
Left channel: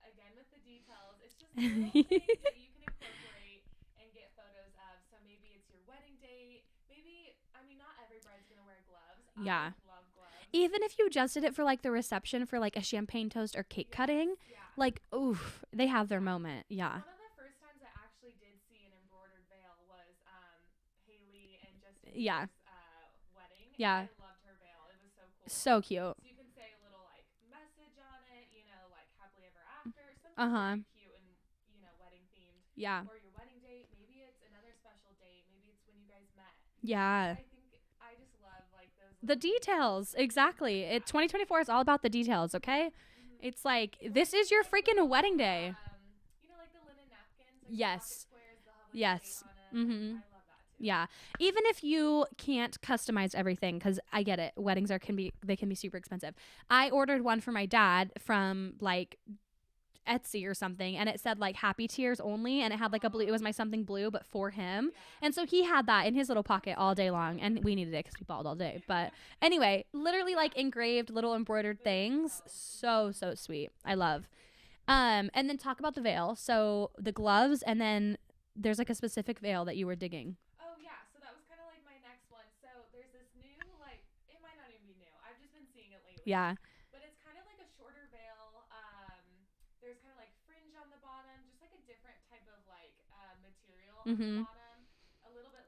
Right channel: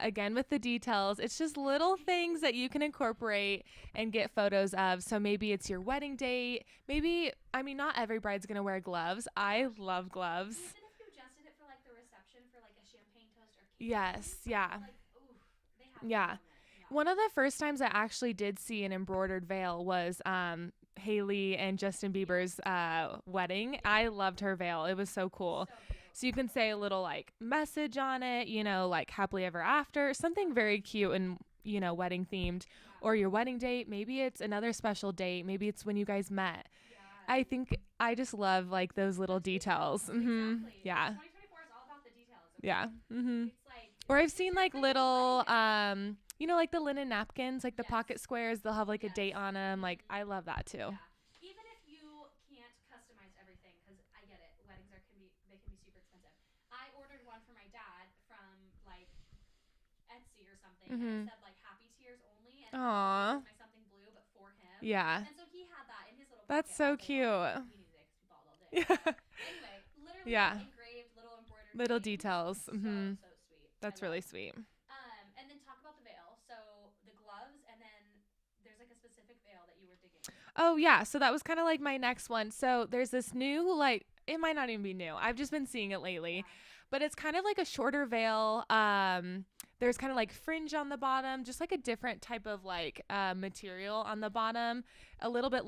again with the details, it's just little things that you can incorporate and get photos of. So maybe it's your wedding date. Maybe, I mean, not every bride's gonna wear gloves. I love gloves. Even if you just did it for like the reception for like a champagne toast or cake cutting. Yeah. Like, oof, they have their moment. Yeah. One of the first times I actually did see an embroidered veil was Hailey and Justin Bieber's wedding. I loved her veil. It was so cool. So cute. So you can say a little like message on it, you know, like happily ever after, something very cute and, you know, wedding themed. Yeah. Or your wedding date. Maybe it's another special date. Maybe it's when you guys met. Yeah. I think I just love like those little details. Exactly. 2024 is all about the details. Okay. It's like, or this is your like freaking little, wedding day. You know, like the linen napkins, like the pocket squares, they'll have like a date on them. Like, I love that too. Yeah. Even if you can't customize everything, because I get it. Weddings can be super expensive. I ordered one for my dad from like Etsy or something, and it said like happy tears only, and it had like a blue, it was my something blue, but for him. Yeah. And so he had that in his little pocket all day long, and we needed it because we balled all day. But anyway, literally like engraved little embroidered little things. Details. So sweet. That's I love. Really sweet. And then talk about the veil. So the gloves, and then there's like a specific veil that you were digging. Oh yeah. So that was kind of like my next one. So there's this new, like, it might not even be new. I've just been seeing it lately. Yeah. But it's kind of like a shorter veil. There's kind of like fringe on the bottom, just like a different type of like material on the bottom, a little bit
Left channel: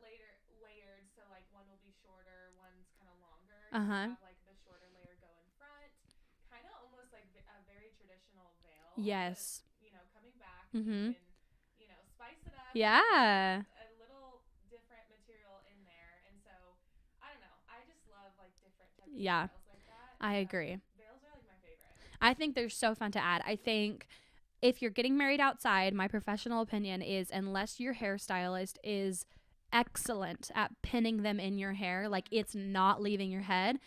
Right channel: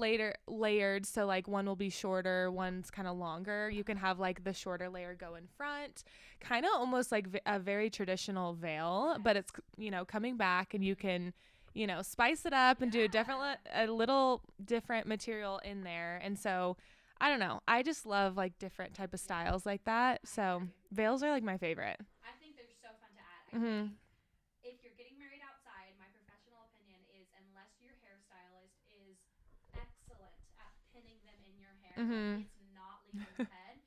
layered. So like one will be shorter, one's kind of longer. You can have like the shorter layer go in front, kind of almost like a very traditional veil, but it's, you know, coming back, and you can, you know, spice it up and do a little different material in there. And so I don't know. I just love like different type of styles like that. I agree. Veils are like my favorite. I think they're so fun to add. I think if you're getting married outside, my professional opinion is, unless your hairstylist is excellent at pinning them in your hair, like it's not leaving your head,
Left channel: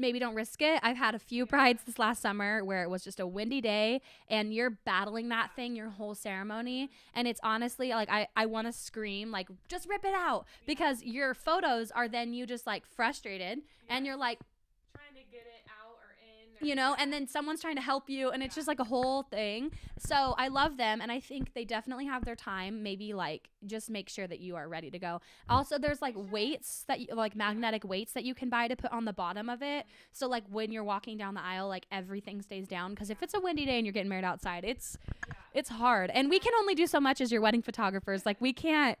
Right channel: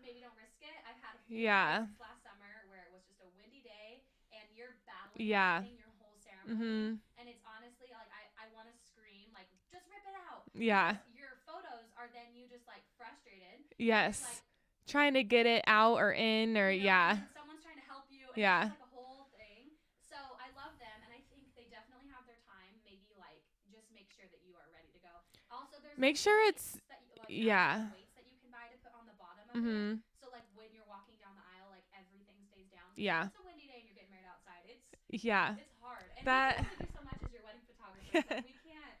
maybe don't risk it. I've had a few brides this last summer where it was just a windy day and you're battling that thing your whole ceremony. And it's honestly like, I want to scream, like, just rip it out. Because your photos are then you just like frustrated. And you're like, trying to get it out or in, or and then someone's trying to help you, and it's just like a whole thing. So I love them, and I think they definitely have their time. Maybe like just make sure that you are ready to go. Also, there's like weights that you, like magnetic weights that you can buy to put on the bottom of it. So like when you're walking down the aisle, like everything stays down, because if it's a windy day and you're getting married outside, it's hard, and we can only do so much as your wedding photographers. Like we can't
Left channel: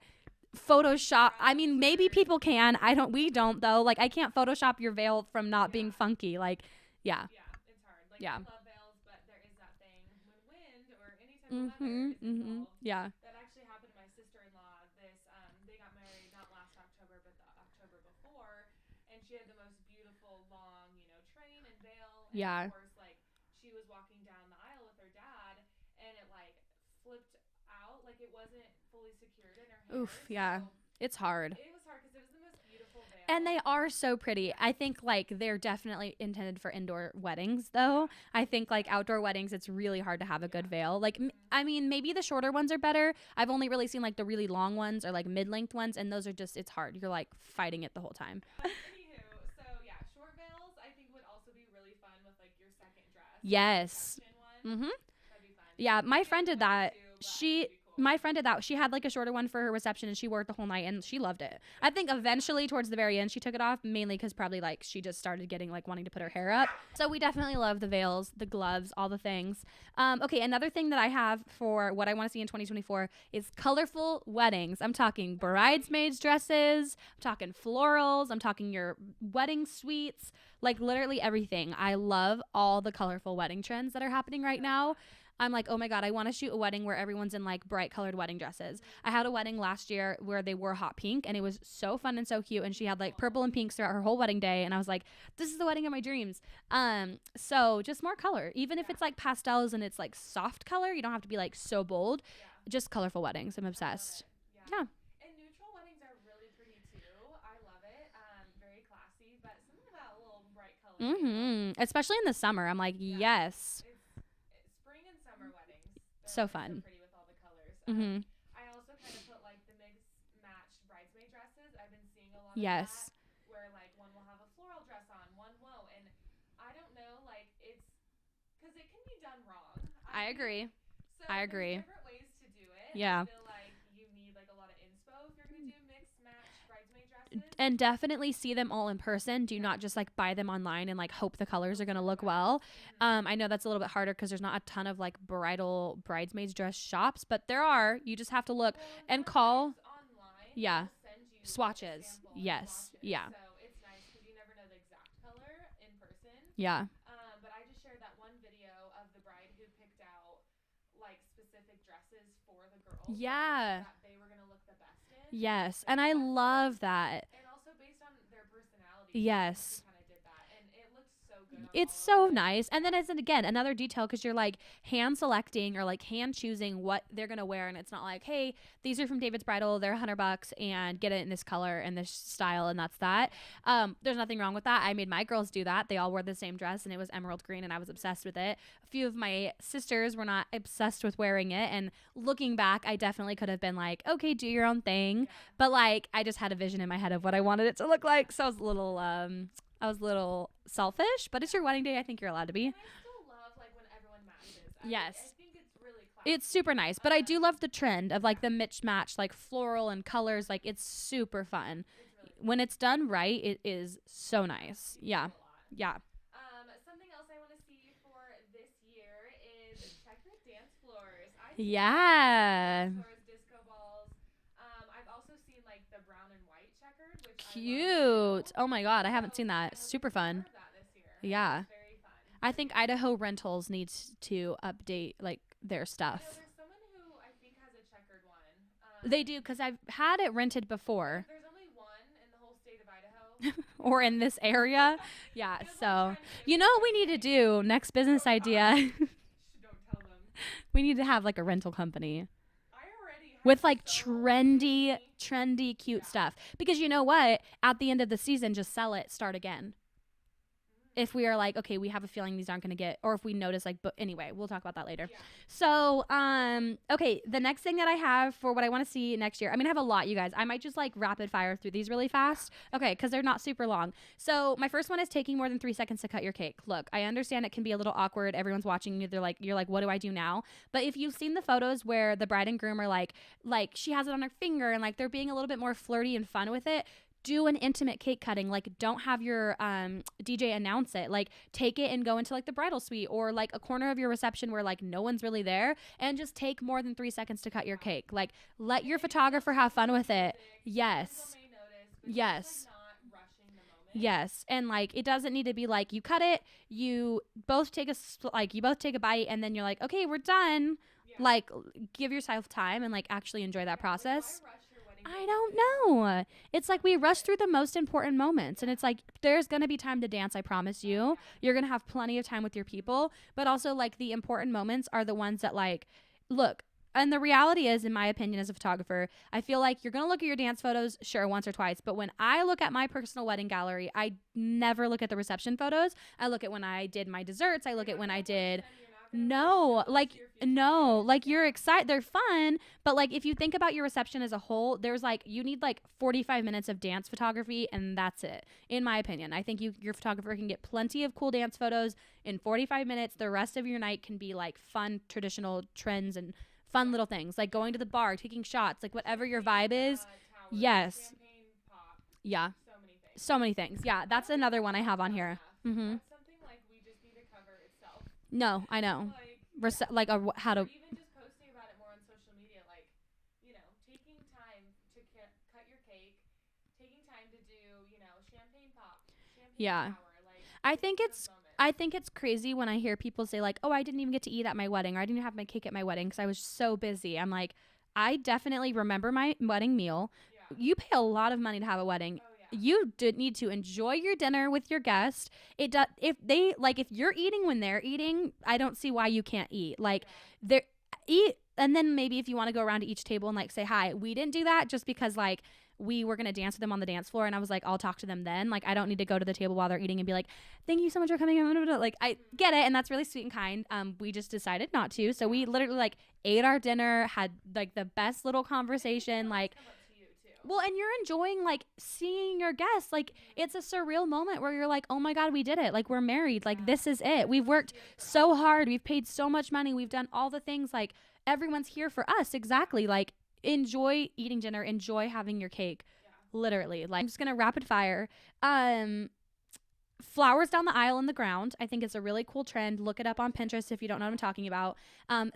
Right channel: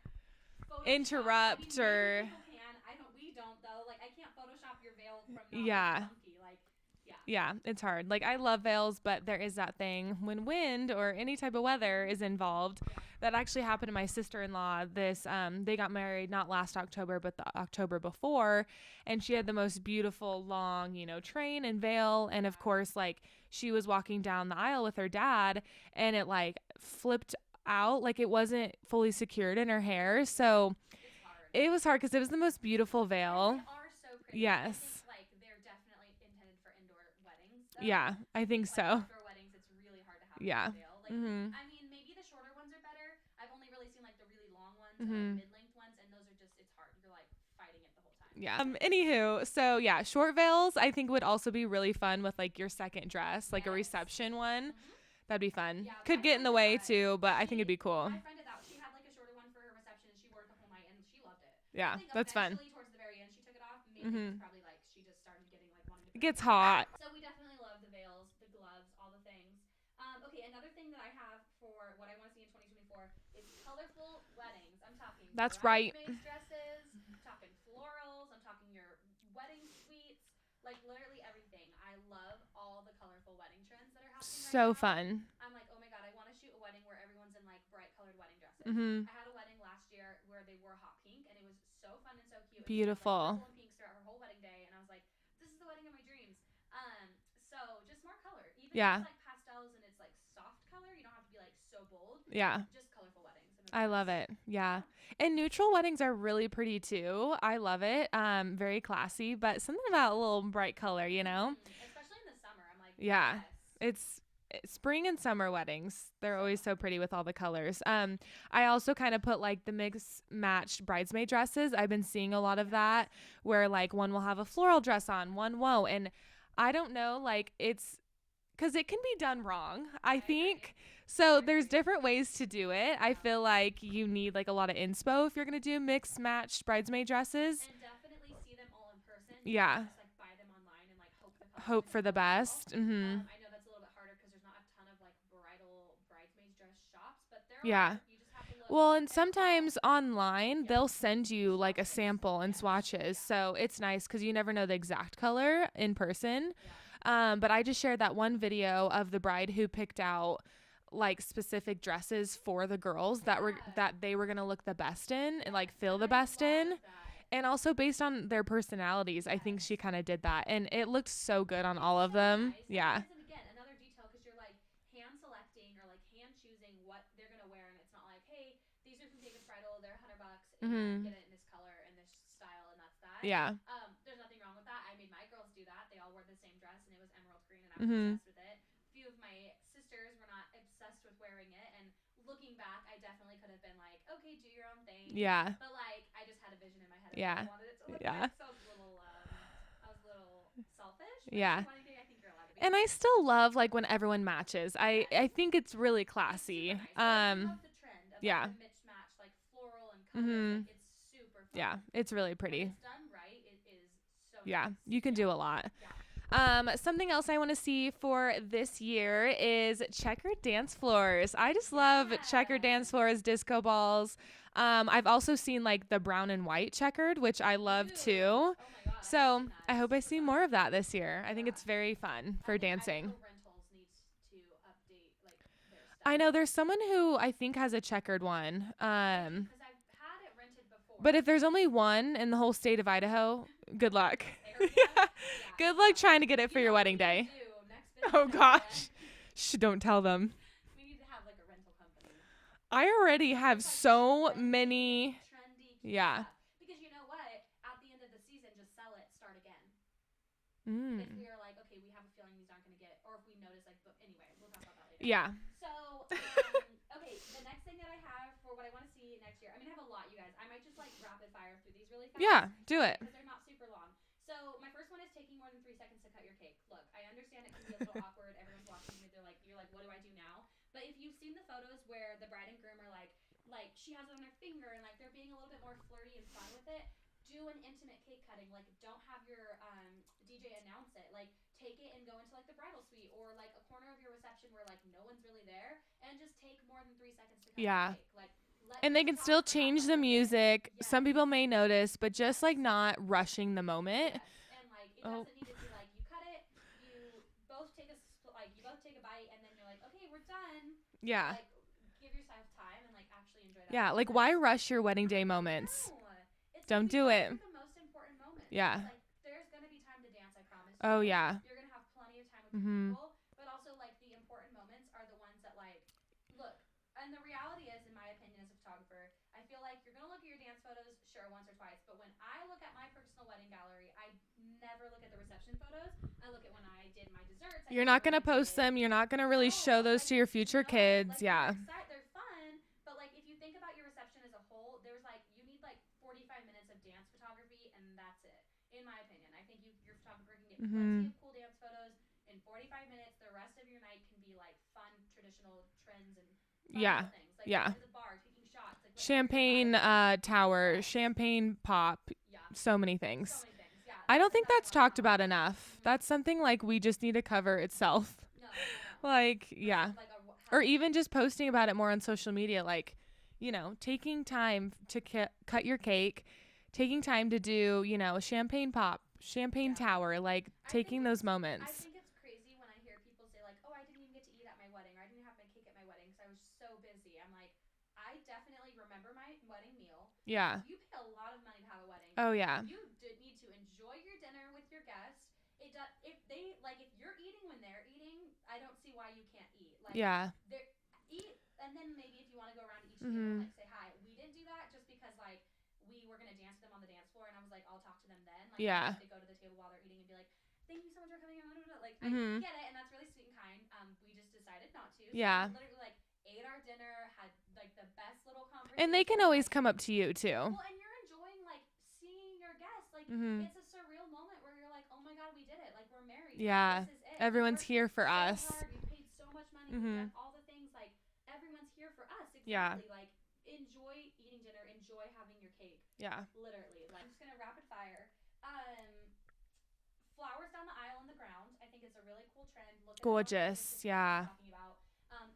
Photoshop. I mean, maybe people can. We don't though. Like I can't Photoshop your veil from not being funky. Like, it's hard. Like I love veils, but there is that thing when wind or any type of weather is involved. That actually happened to my sister-in-law. They got married not last October, but the October before, and she had the most beautiful long, train and veil, and of course, like she was walking down the aisle with her dad, and it like flipped out, like it wasn't fully secured in her hair. So it's hard. It was hard because it was the most beautiful veil, and they are so pretty. I think like they're definitely intended for indoor weddings though. I think like outdoor weddings, it's really hard to have a good veil. Like I mean, maybe the shorter ones are better. I've only really seen like the really long ones or like mid-length ones, and those are just, it's hard. You're like fighting it the whole time. Anywho, so short veils I think would also be really fun with like your second dress, like a reception one. That'd be fun. Yeah, Could my get friend in the did way that too, but I think it'd be cool. My friend did that. She had like a shorter one for her reception, and she wore it the whole night, and she loved it. I think eventually towards the very end, she took it off, mainly because probably like she just started getting like wanting to put her hair up. So we definitely love the veils, the gloves, all the things. Okay, another thing that I have for what I want to see in 2024 is colorful weddings. I'm talking bridesmaids dresses. I'm talking florals. I'm talking your wedding suites. Like literally everything. I love all the colorful wedding trends that are happening right now. So fun. I'm like, oh my God, I want to shoot a wedding where everyone's in like bright colored wedding dresses. I had a wedding last year where they wore hot pink, and it was so fun and so cute. And she had like purple and pinks throughout her whole wedding day. And I was like, this is the wedding of my dreams. So just more color, even if it's like pastels and it's like soft color, you don't have to be like so bold. Just colorful weddings. I'm obsessed. I love it. Yeah. And neutral weddings are really pretty too. I love it. Very classy, but something about a little bright color, especially in the summer. I'm like, yes, it's spring and summer weddings. They're always so pretty with all the colors. I also kind of put like the mix matched bridesmaid dresses. I've been seeing a lot of that, where like one will have a floral dress on, one won't, and I don't know, like it's because it can be done wrong. I think agree. So there's different ways to do it. I feel like you need like a lot of inspo if you're going to do mixed matched bridesmaid dresses. And definitely see them all in person. Do not just like buy them online and like hope the colors are going to look well. I know that's a little bit harder because there's not a ton of like bridesmaids dress shops, but there are. You just have to look. Well, and sometimes online they'll send you swatches. Like a sample and swatches. So it's nice because you never know the exact color in person. But I just shared that one video of the bride who picked out like specific dresses for the girls that they were gonna look the best in and like feel the best in. I love that. And also based on their personalities, I think she kind of did that, and it looked so good on all of them. It's so nice. And then it's again another detail because you're like hand selecting or like hand choosing what they're gonna wear, and it's not like, hey, these are from David's Bridal, they're $100 and get it in this color and this style, and that's that. There's nothing wrong with that. I made my girls do that. They all wore the same dress, and it was emerald green, and I was obsessed with it. A few of my sisters were not obsessed with wearing it, and looking back, I definitely could have been like, okay, do your own thing. But like I just had a vision in my head of what I wanted it to look like, so I was a little selfish, but it's your wedding day. I think you're allowed to be. And I still love like when everyone matches. I think it's really classy. It's super nice, but I do love the trend of like the mixed match, like floral and colors. Like it's super fun. It's really pretty. When it's done right, it is so nice. You can do a lot. Something else I want to see for this year is checkered dance floors. I just love checkered dance floors, disco balls. I've also seen like the brown and white checkered, which I love too. Oh my God, I haven't seen that. I hope I see more of that this year. I think it's very fun. I think dancing. Idaho Rentals needs to update like their stuff. I know there's someone who I think has a checkered one. They do, because I've had it rented before. But if there's only one in the whole state of Idaho, good or luck. in this area, good luck trying to get it for your wedding day. You know what we need to do? Next business idea. Shh, don't tell them. We need to have like a rental company. I already have with like so many trendy, cute stuff. Because you know what? At the end of the season, just sell it, start again. If we are like, okay, we have a feeling these aren't going to get, or if we notice like, but anyway, we'll talk about that later. Yeah. So, okay, the next thing that I have for what I want to see next year, I mean, I have a lot, you guys. I might just like rapid fire through these really fast. Yeah, do it. Because they're not super long. So my first one is taking more than 3 seconds to cut your cake. Look, I understand it can be a little awkward. Everyone's watching you. You're like, what do I do now? But if you've seen the photos where the bride and groom are like she has it on her finger and like they're being a little bit more flirty and fun with it, do an intimate cake cutting. Like, don't have your DJ announce it. Like, take it and go into like the bridal suite or like a corner of your reception where like no one's really there, and just take more than 3 seconds to cut your cake. Like, let your photographer have fun with music. it. Yes. Some people may notice, but just like not rushing the moment. Yes. And like it doesn't need to be like you cut it, you both take a bite, and then you're like, okay, we're done. Yeah. Like, give yourself time and like actually enjoy that process. Like, why rush your wedding day moments? No, it's like we rush through the most important moments, and it's like there's gonna be time to dance. I promise you. Oh, yeah. You're gonna have plenty of time with your people, but also like the important moments are the ones that like look. And the reality is, in my opinion, as a photographer, I feel like you're going to look at your dance photos, sure, once or twice. But when I look at my personal wedding gallery, I never look at the reception photos. I look at when I did my desserts. You're not going to post them. You're not going to really show those to your future kids. Like you're excited. They're fun. But like if you think about your reception as a whole, there's like you need like 45 minutes of dance photography, and that's it. In my opinion, I think your photographer can get plenty of cool dance photos in 45 minutes. The rest of your night can be like fun, traditional trends and fun little things like going to the bar, taking shots, like whatever your vibe is. Tower, champagne pop. Yeah. So many things. Yeah. I don't think that's talked about enough. That's something like we just need to cover itself. No, I know. Like, or even just posting about it more on social media. Like, you know, taking time to cut your cake, taking time to do, you know, a champagne pop. Champagne tower, like taking those moments. I think it's crazy when I hear people say like, oh, I didn't even get to eat at my wedding, or I didn't have my cake at my wedding because I was so busy. I'm like, I definitely remember my wedding meal. Yeah. You pay a lot of money to have a wedding. Oh yeah. You did need to enjoy your dinner with your guest. It does if you're eating when they're eating, I don't see why you can't eat. Like they eat, and then maybe if you want to go around to each table and like say hi. We didn't do that just because like we were going to dance with them on the dance floor, and I was like, I'll talk to them then. Like, I don't need to go to the table while they're eating and be like, thank you so much for coming. Like, I get it, and that's really sweet and kind. We just decided not to. So we literally like ate our dinner, had like the best little conversation. And they can always come up to you too. Well, and you're enjoying like seeing your guests. Like, it's a surreal moment where you're like, oh my God, we did it. Like, we're married. Like, this is it. Everyone's We've worked here for so us. hard. We've paid so much money. We've done all the things. Like, everyone's here for us. Exactly. Like, enjoy eating dinner, enjoy having your cake. Literally. Like, I'm just gonna rapid fire. Flowers down the aisle in the ground. I think it's a really cool trend. Look it up on Pinterest if you don't know what I'm talking about.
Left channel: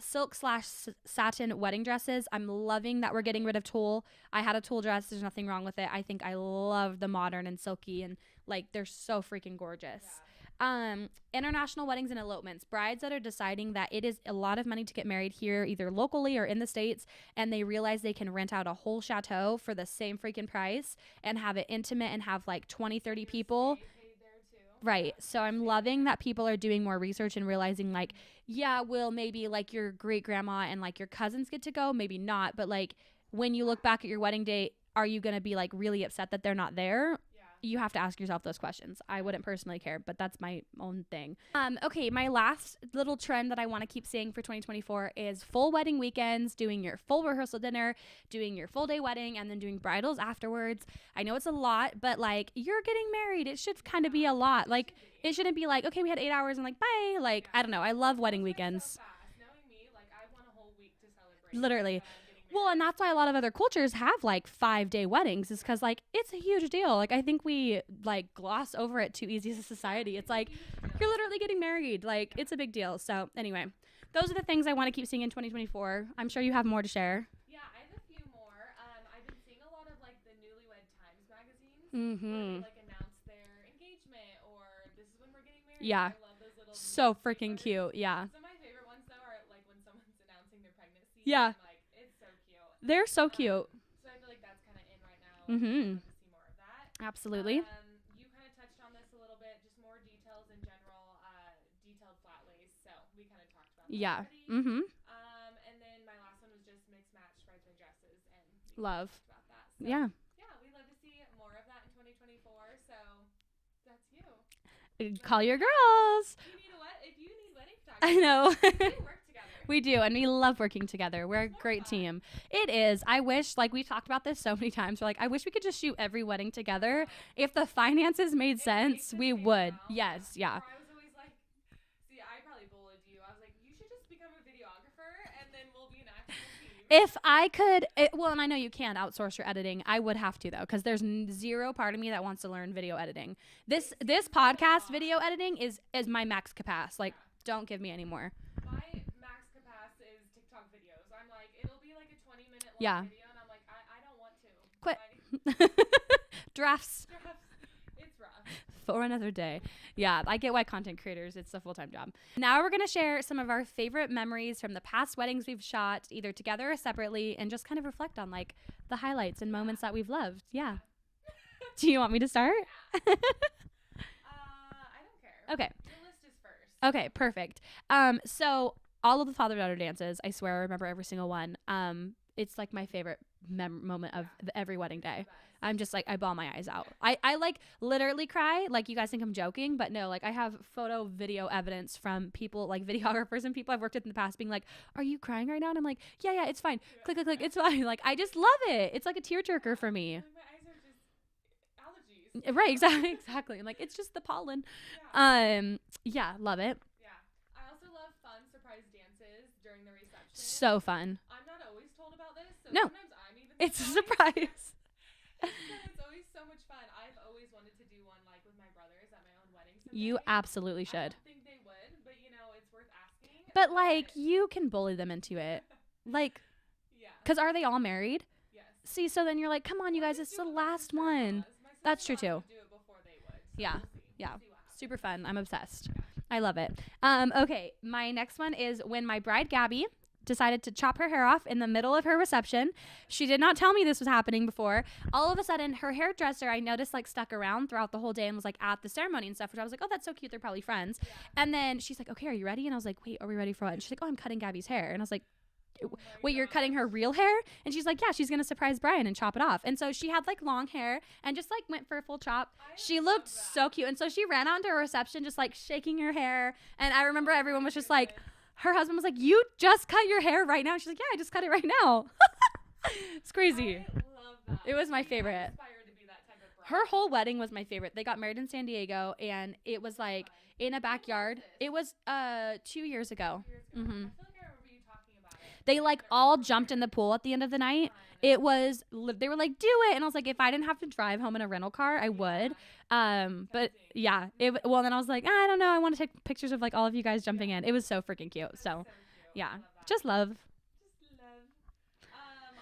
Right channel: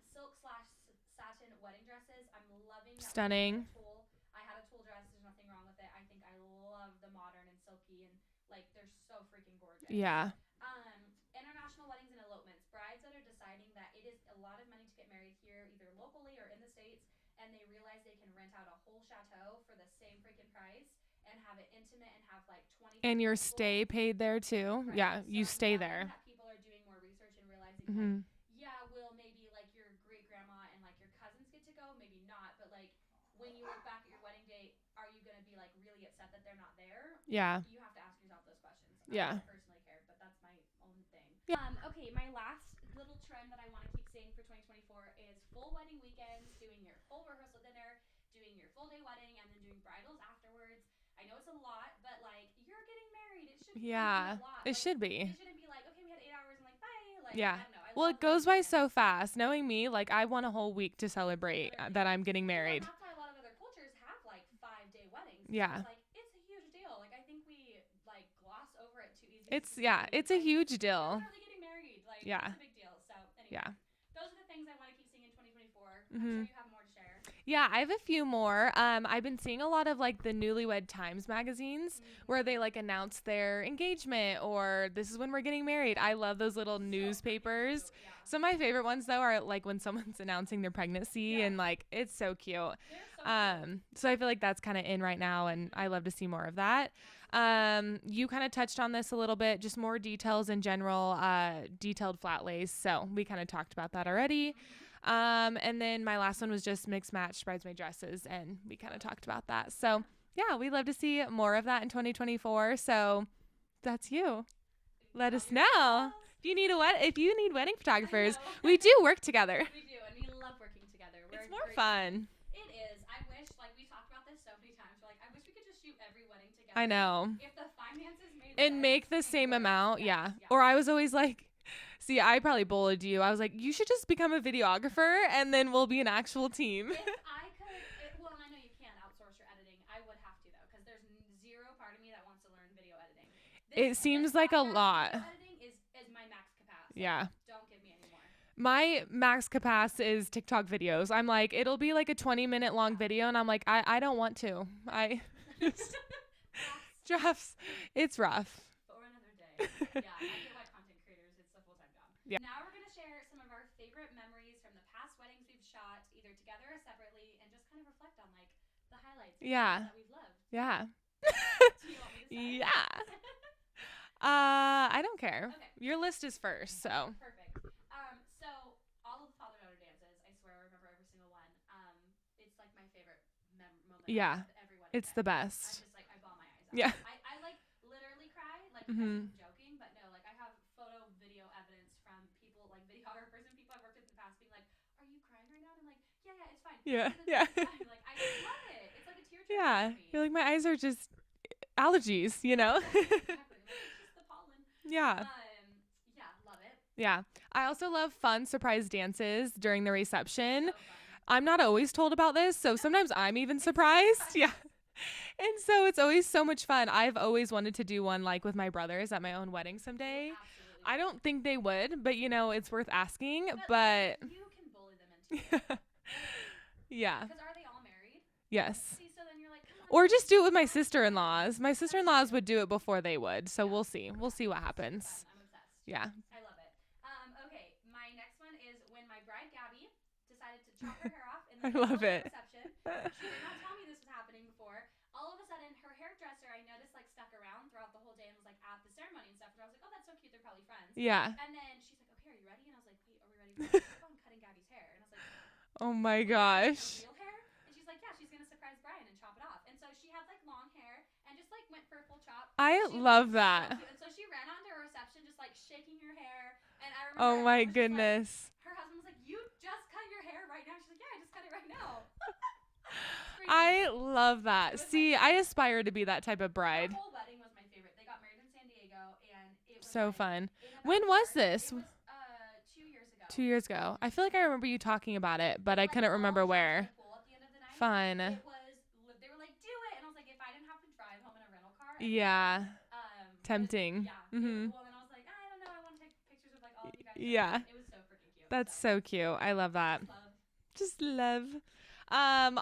Silk/satin wedding dresses. I'm loving that we're getting rid of tulle. I had a tulle dress. There's nothing wrong with it. I think I love the modern and silky, and like they're so freaking gorgeous. Yeah. International weddings and elopements. Brides that are deciding that it is a lot of money to get married here, either locally or in the States, and they realize they can rent out a whole chateau for the same freaking price and have it intimate and have like 20, 30 and your people. stay paid there too. Right. Yeah, so I'm loving that people are doing more research and realizing like, will maybe like your great grandma and like your cousins get to go? Maybe not. But like when you look back at your wedding date, are you going to be like really upset that they're not there? Yeah. You have to ask yourself those questions. I wouldn't personally care, but that's my own thing. Yeah. Okay. My last little trend that I want to keep seeing for 2024 is full wedding weekends, doing your full rehearsal dinner, doing your full day wedding, and then doing bridals afterwards. I know it's a lot, but like you're getting married. It should kind of be a lot. It should be. It shouldn't be like, okay, we had 8 hours and like, bye. Like, I don't know. I love wedding weekends. It goes by so fast. Knowing me, like I want a whole week to celebrate literally that I'm getting married. Well, and that's why a lot of other cultures have like 5-day weddings. Because like it's a huge deal. Like I think we like gloss over it too easy as society. It's like, a huge deal. You're literally getting married. Like it's a big deal. So anyway, those are the things I want to keep seeing in 2024. I'm sure you have more to share. Yeah, I have a few more. I've been seeing a lot of like the Newlywed Times magazines where they like announce their engagement or this is when we're getting married. Yeah. I love those little newspapers. So freaking cute. Yeah. Some of my favorite ones though are like when someone's announcing their pregnancy and like it's so cute. They're so cute. So I feel like that's kind of in right now and I love to see more of that. Absolutely. You kind of touched on this a little bit, just more details in general, detailed flat lace. So we kind of talked about that already. And then my last one was just mixed match bridesmaid dresses, and we kind of talked about that. So yeah, we'd love to see more of that in 2024. So that's you. call your girls. If you need wedding photographers, we do work together. We do, and we love working together. We're a great team. It is. I wish, like, we've talked about this so many times. We're like, I wish we could just shoot every wedding together. I know. If the finances made sense, it makes the same amount. Yes, yeah. Or I was always like, see, I probably bullied you. I was like, you should just become a videographer and then we'll be an actual team. If I could, well, and I know you can outsource your editing. I would have to, though, because there's zero part of me that wants to learn video editing. This podcast video editing is my max capacity. Like, don't give me any more. My max capacity is TikTok videos. I'm like, it'll be like a 20-minute long video, and I'm like, I don't want to. Quit. Drafts. It's rough. For another day. Yeah, I get why content creators, it's a full-time job. Yeah. Now we're going to share some of our favorite memories from the past weddings we've shot, either together or separately, and just kind of reflect on, like, the highlights and moments that we've loved. Yeah. Do you want me to start? Yeah. I don't care. Okay. Your list is first. So. Okay, perfect. So all of the father-daughter dances, I swear I remember every single one. It's like my favorite moment of every wedding day. It's the best. I'm just like, I bawl my eyes out. Yeah. I like literally cry. Like, you guys think I'm joking, but no, like, I have video evidence from people, like videographers and people I've worked with in the past being like, are you crying right now? And I'm like, yeah, it's fine. Yeah. Like, it's fine. Like, I just love it. It's like a tearjerker for me. You're like, my eyes are just allergies, right? Exactly. I'm like, it's just the pollen. Yeah, love it. Yeah, I also love fun surprise dances during the reception. So fun. I'm not always told about this, so sometimes I'm even surprised. Yes. And so it's always so much fun. I've always wanted to do one, like, with my brothers at my own wedding someday. You absolutely should. I don't think they would, but it's worth asking. But like, you can bully them into it. Like, yeah, because are they all married? Yes. See, so then you're like, come on. Or just do it with my sister-in-laws. My sister-in-laws would do it before they would. So we'll see. We'll see what happens. Super fun. I'm obsessed. Yeah. I love it. Okay. My next one is when my bride, Gabby, decided to chop her hair off in the middle of her reception. She did not tell me this was happening before. All of a sudden, her hairdresser, I noticed, like, stuck around throughout the whole day and was, like, at the ceremony and stuff, which I was like, oh, that's so cute. They're probably friends. Yeah. And then she's like, okay, are you ready? And I was like, wait, are we ready for what? She's like, oh, I'm cutting Gabby's hair. And I was like, oh my god. Wait, you're cutting her real hair? And she's like, yeah, she's gonna surprise Brian and chop it off. And so she had, like, long hair and just, like, went for a full chop. She love that. So cute. And so she ran out into her reception just, like, shaking her hair. And I remember everyone was just like, her husband was like, you just cut your hair right now? She's like, yeah, I just cut it right now. It's crazy. I love that. It was my favorite. I aspire to be that type of bride. Her whole wedding was my favorite. They got married in San Diego, and it was so like fun. In a backyard. When was this? It was 2 years ago. 2 years ago. I feel like I remember you talking about it, but I couldn't remember where. They all jumped in the pool at the end of the night. Fun. It was. They were like, do it, and I was like, if I didn't have to drive home in a rental car, I would. Tempting. But yeah. Well, then I was like, I don't know. I want to take pictures of, like, all of you guys jumping in. It was so freaking cute. That's so cute. Yeah. I love that. Just love.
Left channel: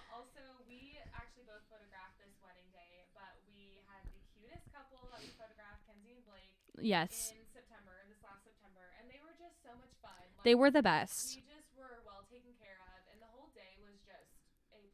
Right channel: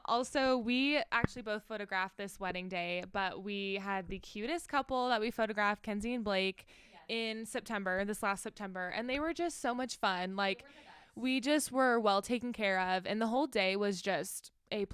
Also, we actually both photographed this wedding day, but we had the cutest couple that we photographed, Kenzie and Blake, in September, this last September, and they were just so much fun. Like, they were the best. We just were well taken care of, and the whole day was just A++++.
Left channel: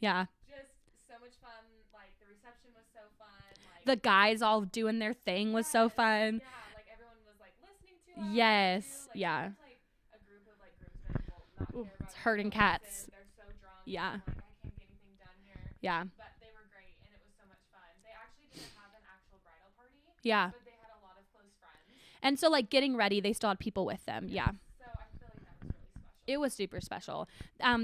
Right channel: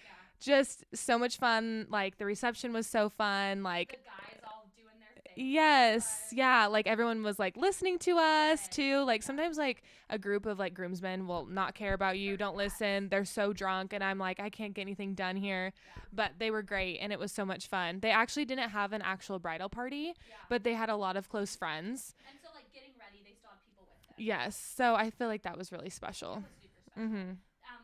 Yeah. Just so much fun. Like, the reception was so fun. Like, the guys all doing their thing was so fun. Yeah. Like, everyone was, like, listening to us too. Like, sometimes, like, a group of, like, groomsmen will not care about you. Don't listen. They're so drunk. And I'm like, I can't get anything done here. Yeah. But they were great. And it was so much fun. They actually didn't have an actual bridal party. Yeah. But they had a lot of close friends. And so, like, getting ready, they still had people with them. Yes. Yeah. So I feel like that was really special. It was super special.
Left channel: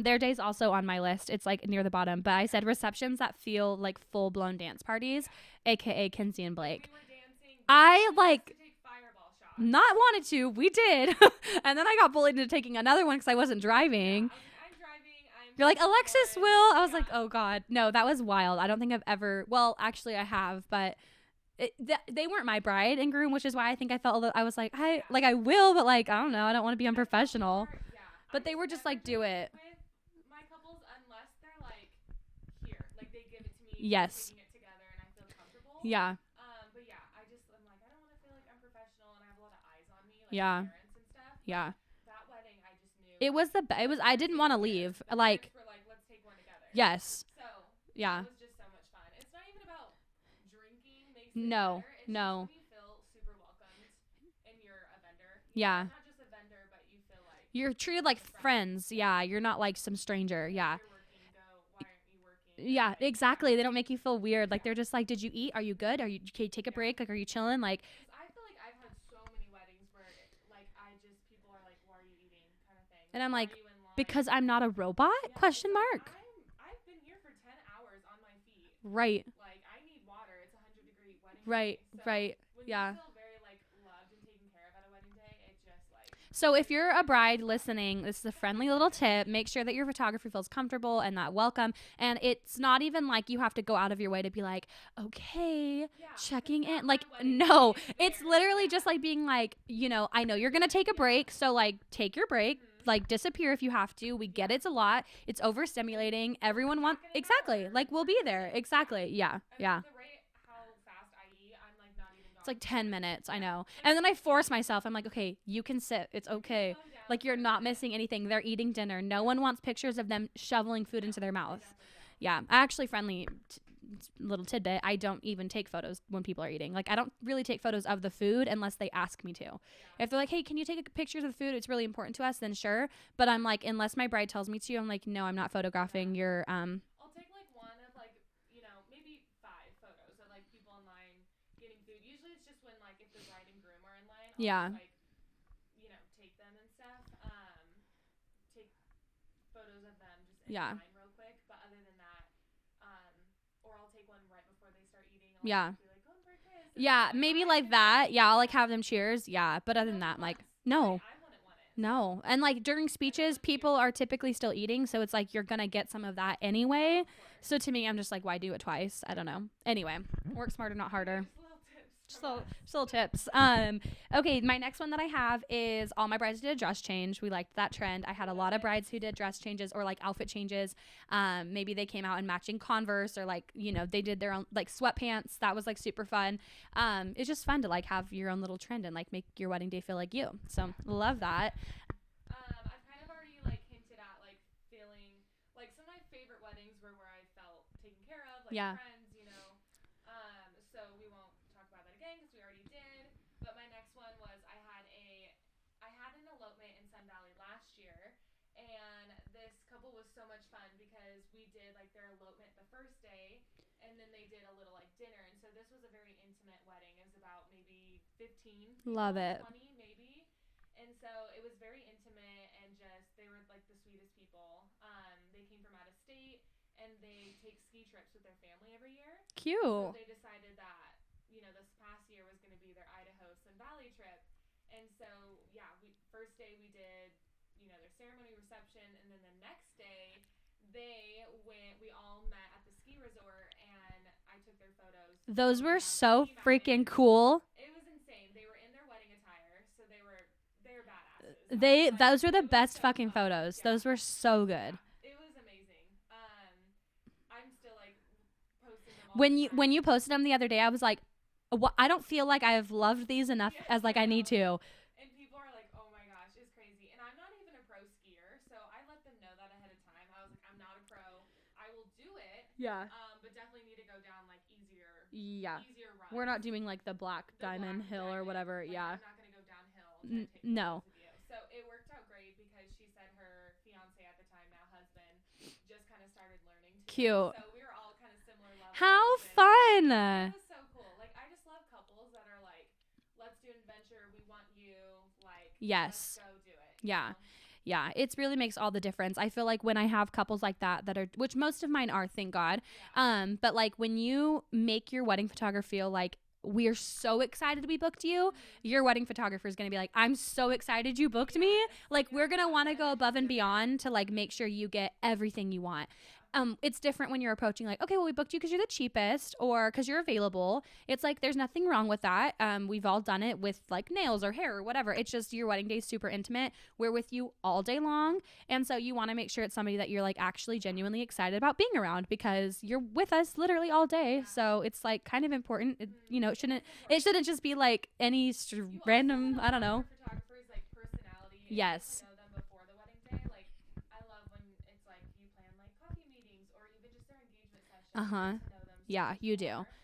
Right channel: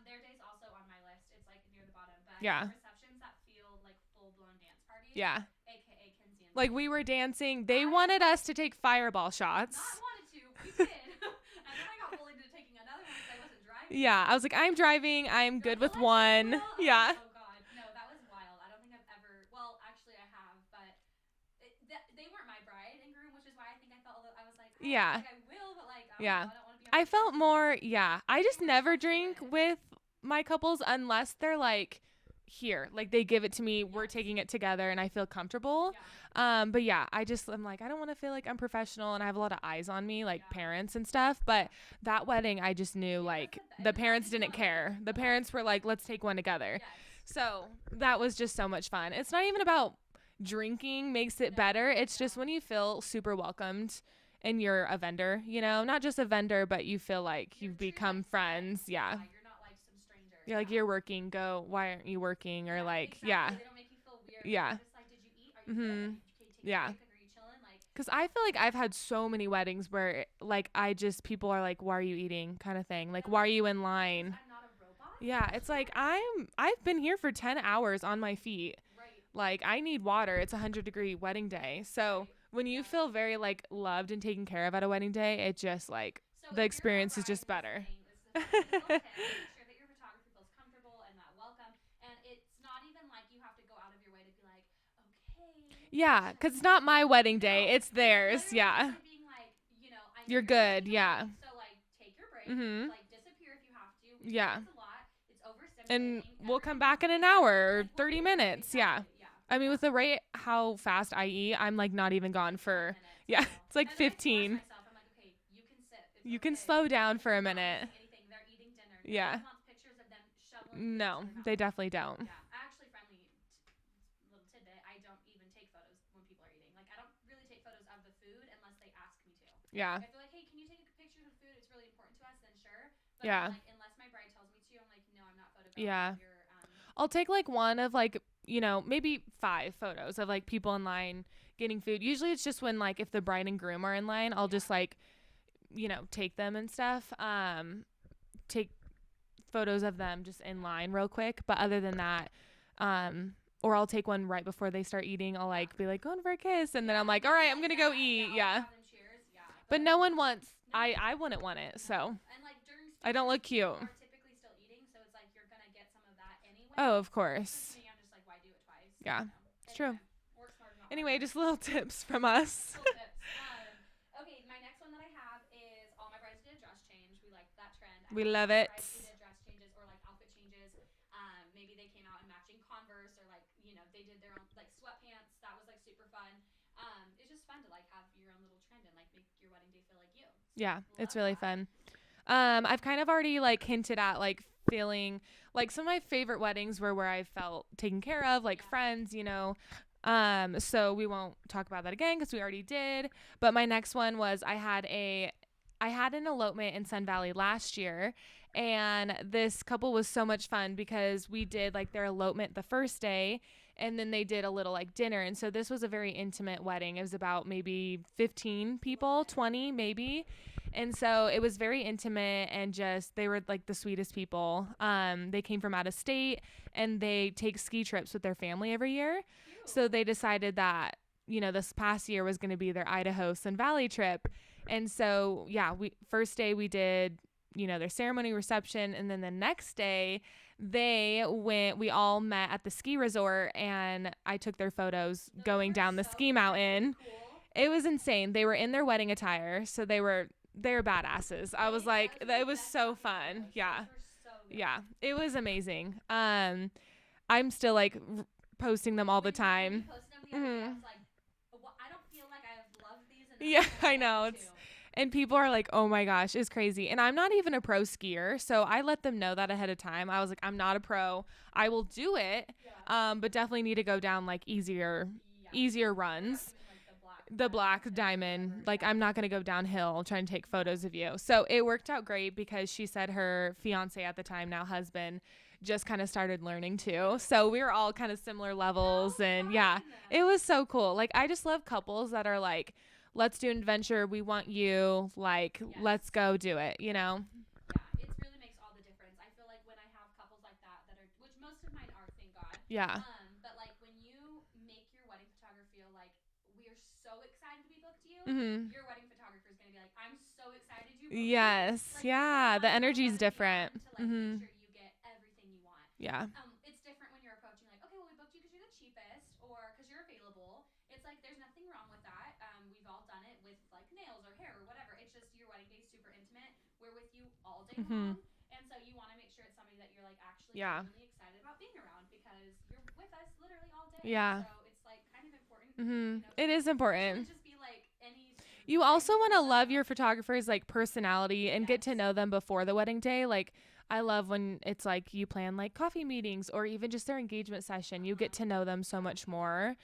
Their day's also on my list. It's, like, near the bottom. But I said receptions that feel like full-blown dance parties. Yeah. AKA Kenzie and Blake. Like, we were dancing. They wanted us to take fireball shots. Not wanted to. We did. And then I got bullied into taking another one because I wasn't driving. Yeah. I was like, I'm driving. You're like, Alexis one. will. I was like, oh God. No, that was wild. I don't think I've ever. Well, actually, I have, but. They weren't my bride and groom, which is why I think I felt I was like, I will, but, like, I don't know. I don't want to be unprofessional. I just never drink with my couples unless they're, like, here, like, they give it to me. We're taking it together and I feel comfortable. But I'm like, I don't want to feel like I'm professional and I have a lot of eyes on me, like parents and stuff, but that wedding I just knew it was the best. I didn't want to leave. The parents were like, let's take one together. So that was just so much fun. It's not even about drinking makes it better. It's just when you feel super welcomed and you're a vendor, you know, not just a vendor, but you feel like you're true like friends. Yeah. You're not like some stranger. You're like, you're working. Go. Why aren't you working? Or yeah, like, exactly. Yeah. They don't make you feel weird. Like they're just like, did you eat? Are you good? Are you can you take a break? Like, are you chilling? Like, because I feel like I've had so many weddings where like people are like, why are you eating? Kind of thing. Like, why are you in line? Because I'm not a robot. Yeah, it's like I've been here for 10 hours on my feet. Right. Like I need water. It's 100-degree wedding day. So when you feel very like loved and taken care of at a wedding day, it just like, so if you're a bride listening, this is a friendly little tip. Make sure that your photographer feels comfortable and that welcome. And it's not even like you have to go out of your way to be like, okay. Yeah. Because it's not my wedding day. It's theirs. It's literally just like being like, you know, I know you're going to take a break. So like take your break, like disappear if you have to. We get it's a lot. It's overstimulating. Everyone come back in an hour. Like we'll 30 be minutes. There. Exactly. Yeah. I mean, with the rate how fast I eat, I'm like not even gone it's for 10 minutes. I know. It's like and 15. then I force myself. I'm like, okay, you can sit. It's okay. You can slow down like for a minute. You're not missing anything. They're eating dinner. No one wants pictures of them shoveling food into their mouth. They definitely don't. Yeah. Actually, little tidbit, I don't even take photos when people are eating. Like I don't really take photos of the food unless they ask me to. Yeah. If they're like, hey, can you take pictures of the food? It's really important to us, then sure. But I'm like, unless my bride tells me to, I'm like, no, I'm not photographing your I'll take like one of like, you know, maybe 5 photos of like people in line getting food. Usually it's just when like if the bride and groom are in line, I'll just like, you know, take them and stuff. Take photos of them just in line real quick. But other than that, or I'll take one right before they start eating. I'll like be like, going for a kiss, and then I'm like, maybe all right, like I'm that. go eat. I'll like have them cheers. Yeah, but no one wants. Like, no, I wouldn't want it. No, so. and like during speeches, people are typically still eating, so it's like you're gonna get some of that anyway. Oh, of course. So to me, I'm just like, why do it twice? I don't know. Anyway, work smarter, not harder. Anyway, just little tips from us. Still tips. Okay, my next one that I have is all my brides did a dress change. We liked that trend. I had a lot of brides who did dress changes or like outfit changes. Maybe they came out in matching Converse or like, you know, they did their own like sweatpants. That was like super fun. It's just fun to like have your own little trend and like make your wedding day feel like you. So love it's really that. Fun. I've kind of already like hinted at like feeling like some of my favorite weddings were where I felt taken care of, like friends, you know. So we won't talk about that again because we already did. But my next one was I had an elopement in Sun Valley last year. And this couple was so much fun because we did like their elopement the first day and then they did a little like dinner. And so this was a very intimate wedding. It was about maybe 15 people, 20 maybe. And so it was very intimate and just they were like the sweetest people. They came from out of state and they take ski trips with their family every year. Cute. So they decided that, you know, this past year was going to be their Idaho Sun Valley trip. And so, first day we did, you know, their ceremony reception. And then the next day we all met at the ski resort and I took their photos going down the ski mountain. Freaking cool. It was insane. They were in their wedding attire. So they're badasses. Those were the best so fucking fun. photos. Yeah. Those were so good. Yeah, it was amazing. I'm still like posting them all the time. When you posted them the other day, I was like, I don't feel like I've loved these enough as like I need to. And people are like, oh my gosh, it's crazy. And I'm not even a pro skier. So I let them know that ahead of time. I was like, I'm not a pro. I will do it. Yeah. But definitely need to go down like easier runs. We're not doing like the black diamond. Like I'm not going to go downhill trying to take photos of you. So it worked out great because she said her fiance at the time, now husband, just kind of started learning too. Cute. So we were all kind of similar levels. How fun. Yeah, it was so cool. Like I just love couples that are like, let's do an adventure. We want you. Like, let's go do it. You know? Yeah, it really makes all the difference. I feel like when I have couples like that are, which most of mine are, thank God. Yeah. But like when you make your wedding photographer feel like we are so excited we booked you, your wedding photographer is going to be like, I'm so excited you booked me. Like we're going to want to go above and beyond to like make sure you get everything you want. Yeah. It's different when you're approaching like, okay, well, we booked you because you're the cheapest or because you're available. It's like, there's nothing wrong with that. We've all done it with like nails or hair or whatever. It's just your wedding day is super intimate. We're with you all day long. And so you want to make sure it's somebody that you're like actually genuinely excited about being around because you're with us literally all day. Yeah. So it's like kind of important, you know, it is important. It shouldn't just be like any you also want to love your photographer's like personality and get to know them before the wedding day. Like I love when it's like you plan like coffee meetings or even just their engagement session. You get to know them so much more.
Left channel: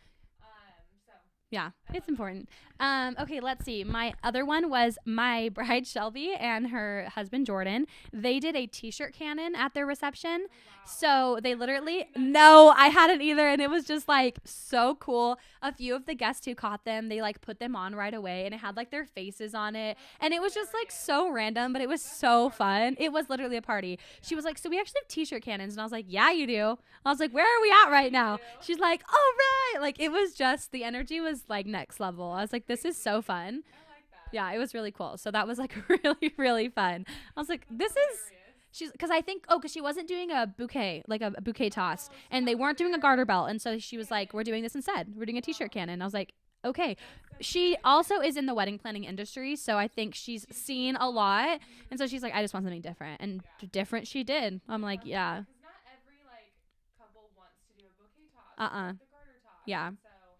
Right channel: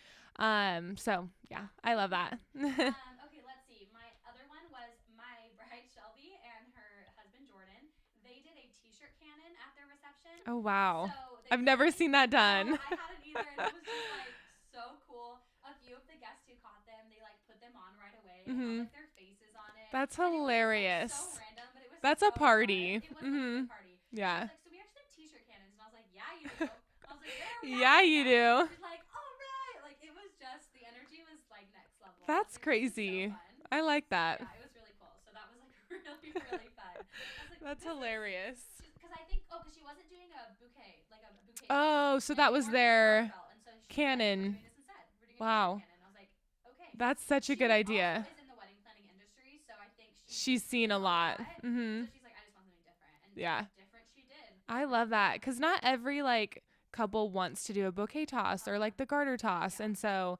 So yeah, I love that. Okay, let's see. My other one was my bride Shelby and her husband Jordan. They did a t-shirt cannon at their reception. Oh wow. So they I've literally never seen that No, done. I hadn't either, and it was just like so cool. A few of the guests who caught them, they like put them on right away, and it had like their faces on it. That's and hilarious. it was just like so random, but it was That's so a party. fun. It was literally a party. Yeah. She was like, "So we actually have t-shirt cannons," and I was like, "Yeah, you do." I was like, "Where are we at right now?" Do. She's like, "All right." Like it was just the energy was like next level. That's I was like, crazy. "This is so fun." I like that. Yeah, it was really cool. So that was like really, really fun. I was like, That's this hilarious. She's because I think because she wasn't doing a bouquet, like a bouquet toss. Oh, so and that they was weren't doing a garter belt. And so she was like, we're doing this instead. We're doing a t-shirt cannon. I was like, okay. That's such a good idea. She also is in the wedding planning industry, so I think she's seen a lot. And so she's like, I just want something different. And different she did. I love that. Because not every like couple wants to do a bouquet toss or like the garter toss. Yeah. And so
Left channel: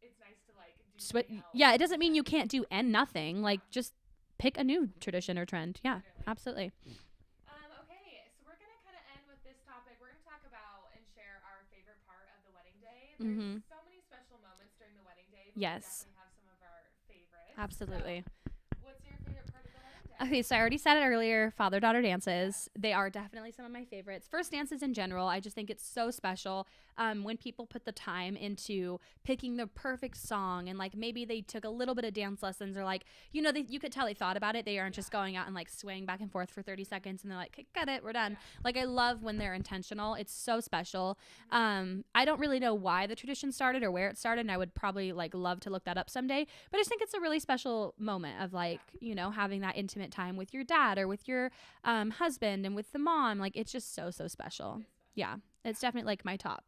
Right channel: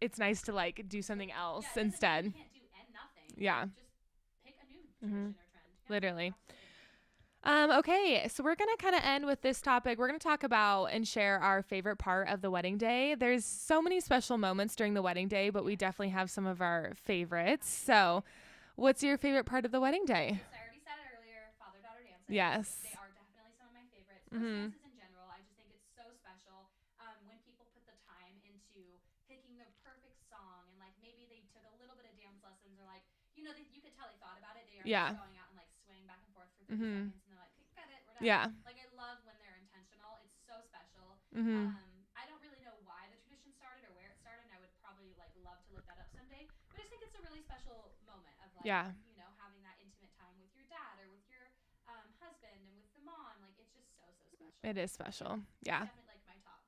it's nice to like do something else. Yeah, it doesn't mean you can't do nothing. Yeah. Like just pick a new tradition or trend. Yeah, literally. Absolutely. Okay, so we're going to kind of end with this topic. We're going to talk about and share our favorite part of the wedding day. There's so many special moments during the wedding day, but we definitely have some of our favorites. Absolutely. So what's your favorite part of the wedding day? Okay, so I already said it earlier, father-daughter dances. Yes. They are definitely some of my favorites. First dances in general, I just think it's so special. When people put the time into picking the perfect song and like maybe they took a little bit of dance lessons or like, you know, you could tell they thought about it. They aren't just going out and like swaying back and forth for 30 seconds and they're like, okay, got it, we're done. Yeah. Like I love when they're intentional. It's so special. I don't really know why the tradition started or where it started, and I would probably like love to look that up someday, but I just think it's a really special moment of like, you know, having that intimate time with your dad or with your husband and with the mom. Like it's just so special. It is special. Yeah. It's definitely like my top.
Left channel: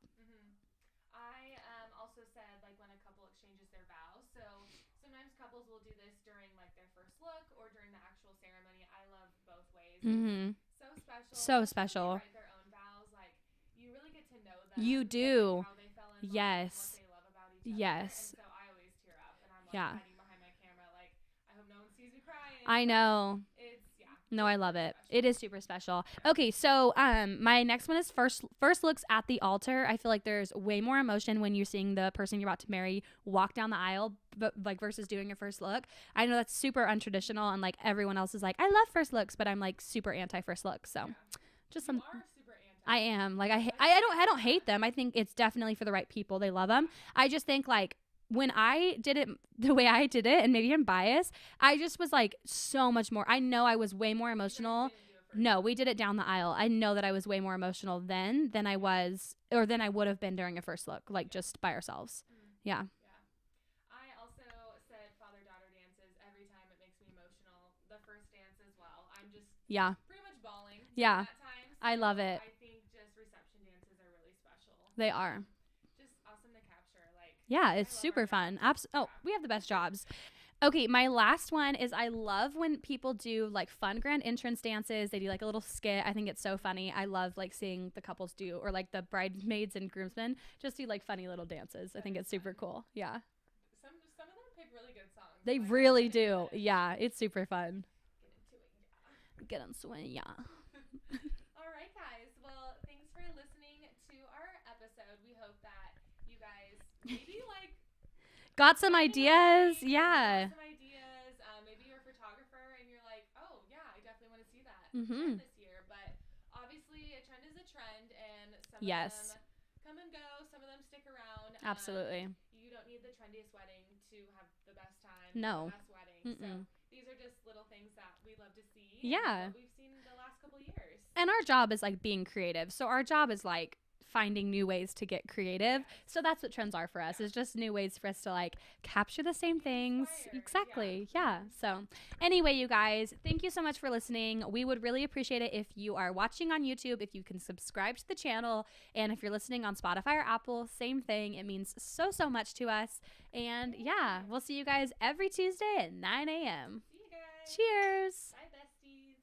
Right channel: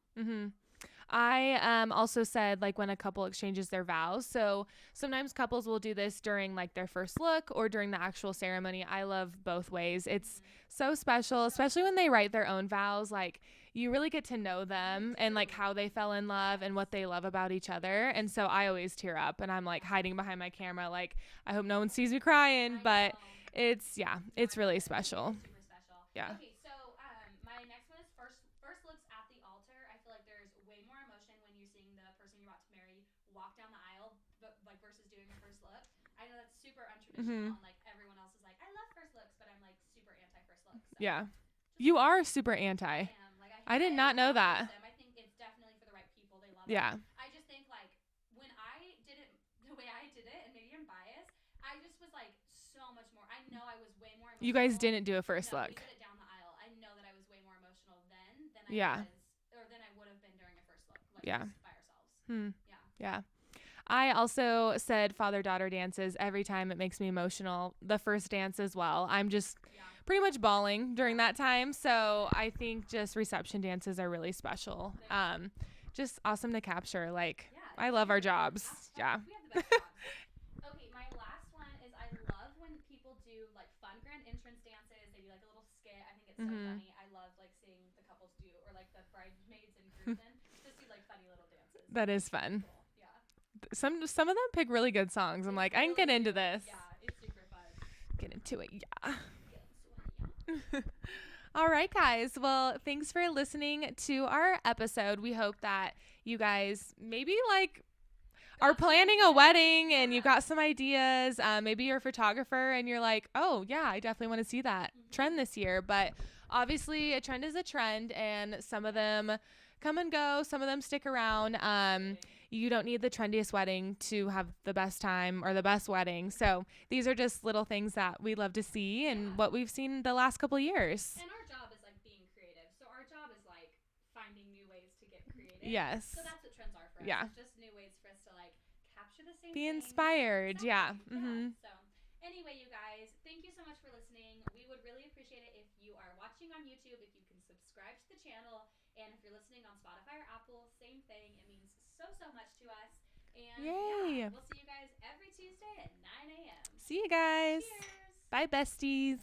I also said like when a couple exchanges their vows. So sometimes couples will do this during like their first look or during the actual ceremony. I love both ways. It's so special, especially when they write their own vows. Like you really get to know them and like how they fell in love and what they love about each other. And so I always tear up and I'm like hiding behind my camera. Like I hope no one sees me crying. I know. It's it's really special. It is super special. Yeah. Okay. So, my next one is first looks at the altar. I feel like there's way more emotion when you're seeing the person you're about to marry walk down the aisle, but like versus doing your first look. I know that's super untraditional and like everyone else is like, I love first looks, but I'm like super anti first looks. So yeah. You are super anti. I am. Like I don't hate them. I think it's definitely for the right people. They love them. Yeah. I just think like when I did it the way I did it, and maybe I'm biased, I just was like so much more. I know I was way more emotional. You guys didn't do a first look. No, we did it down the aisle. I know that I was way more emotional then than I was, or than I would have been during a first look, like just by ourselves. Yeah. Yeah. I also said father-daughter dances every time. It makes me emotional. The first dance as well. I'm just pretty much bawling during that time. So I love it. I think just reception dances are really special. They are. Just awesome to capture. Like, it's I love our jobs. We have the best jobs. Okay, my last one is I love when people do like fun grand entrance dances. They do like a little skit. I think it's so funny. I love like seeing the couples do, or like the bridesmaids and groomsmen just do like funny little dances. That is super cool. Yeah. Some of them pick really good songs. They I'm like, really I get into this. Yeah, it's super fun. Get into it, Get into it, yeah. All right, guys. Well, thanks for listening to our episode. We hope that you guys maybe like got some planning ideas, a wedding and you got some ideas. Maybe you're a photographer and you're like, oh yeah, I definitely want to see that trend this year. But obviously a trend is a trend, and some of them come and go. Some of them stick around. You don't need the trendiest wedding to have the best time or the best wedding. So these are just little things that we love to see and what we've seen the last couple of years. And our job is like being creative. So our job is like finding new ways to get creative. Yes. So that's what trends are for us. It's just new ways for us to like capture the same things. Inspired. Exactly. Yeah. So anyway, you guys, thank you so much for listening. We would really appreciate it if you are watching on YouTube, if you can subscribe to the channel, and if you're listening on Spotify or Apple, same thing. It means so much to us. And we'll see you guys every Tuesday at 9 a.m. See you guys. Cheers. Bye, besties.